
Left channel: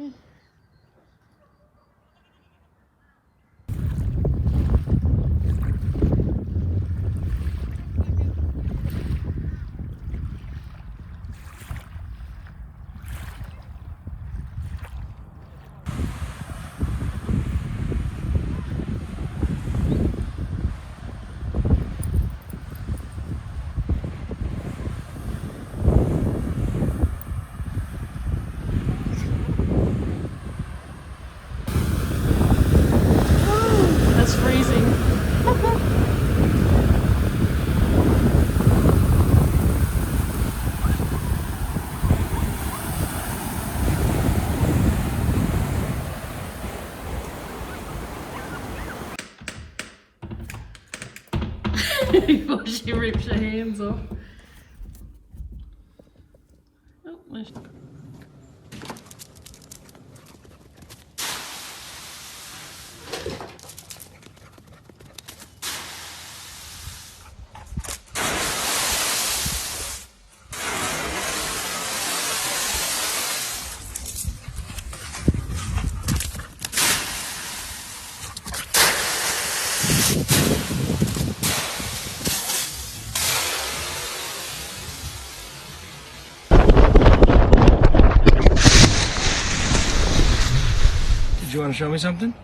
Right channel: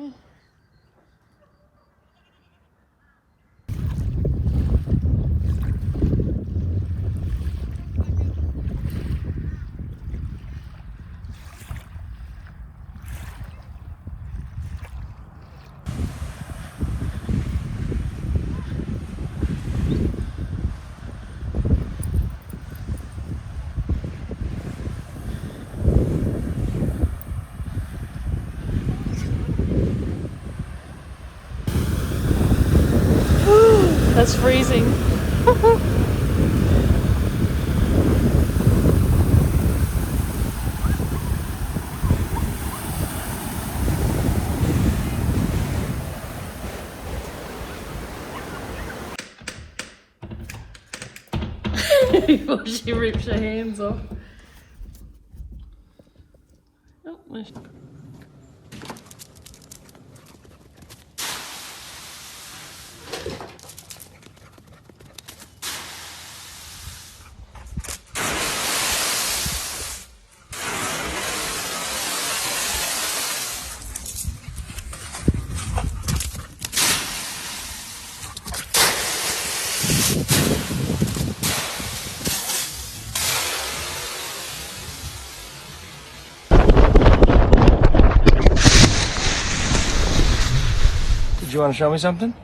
it's freezing. Before she rips her hands off. Oh, Did you want to show me something?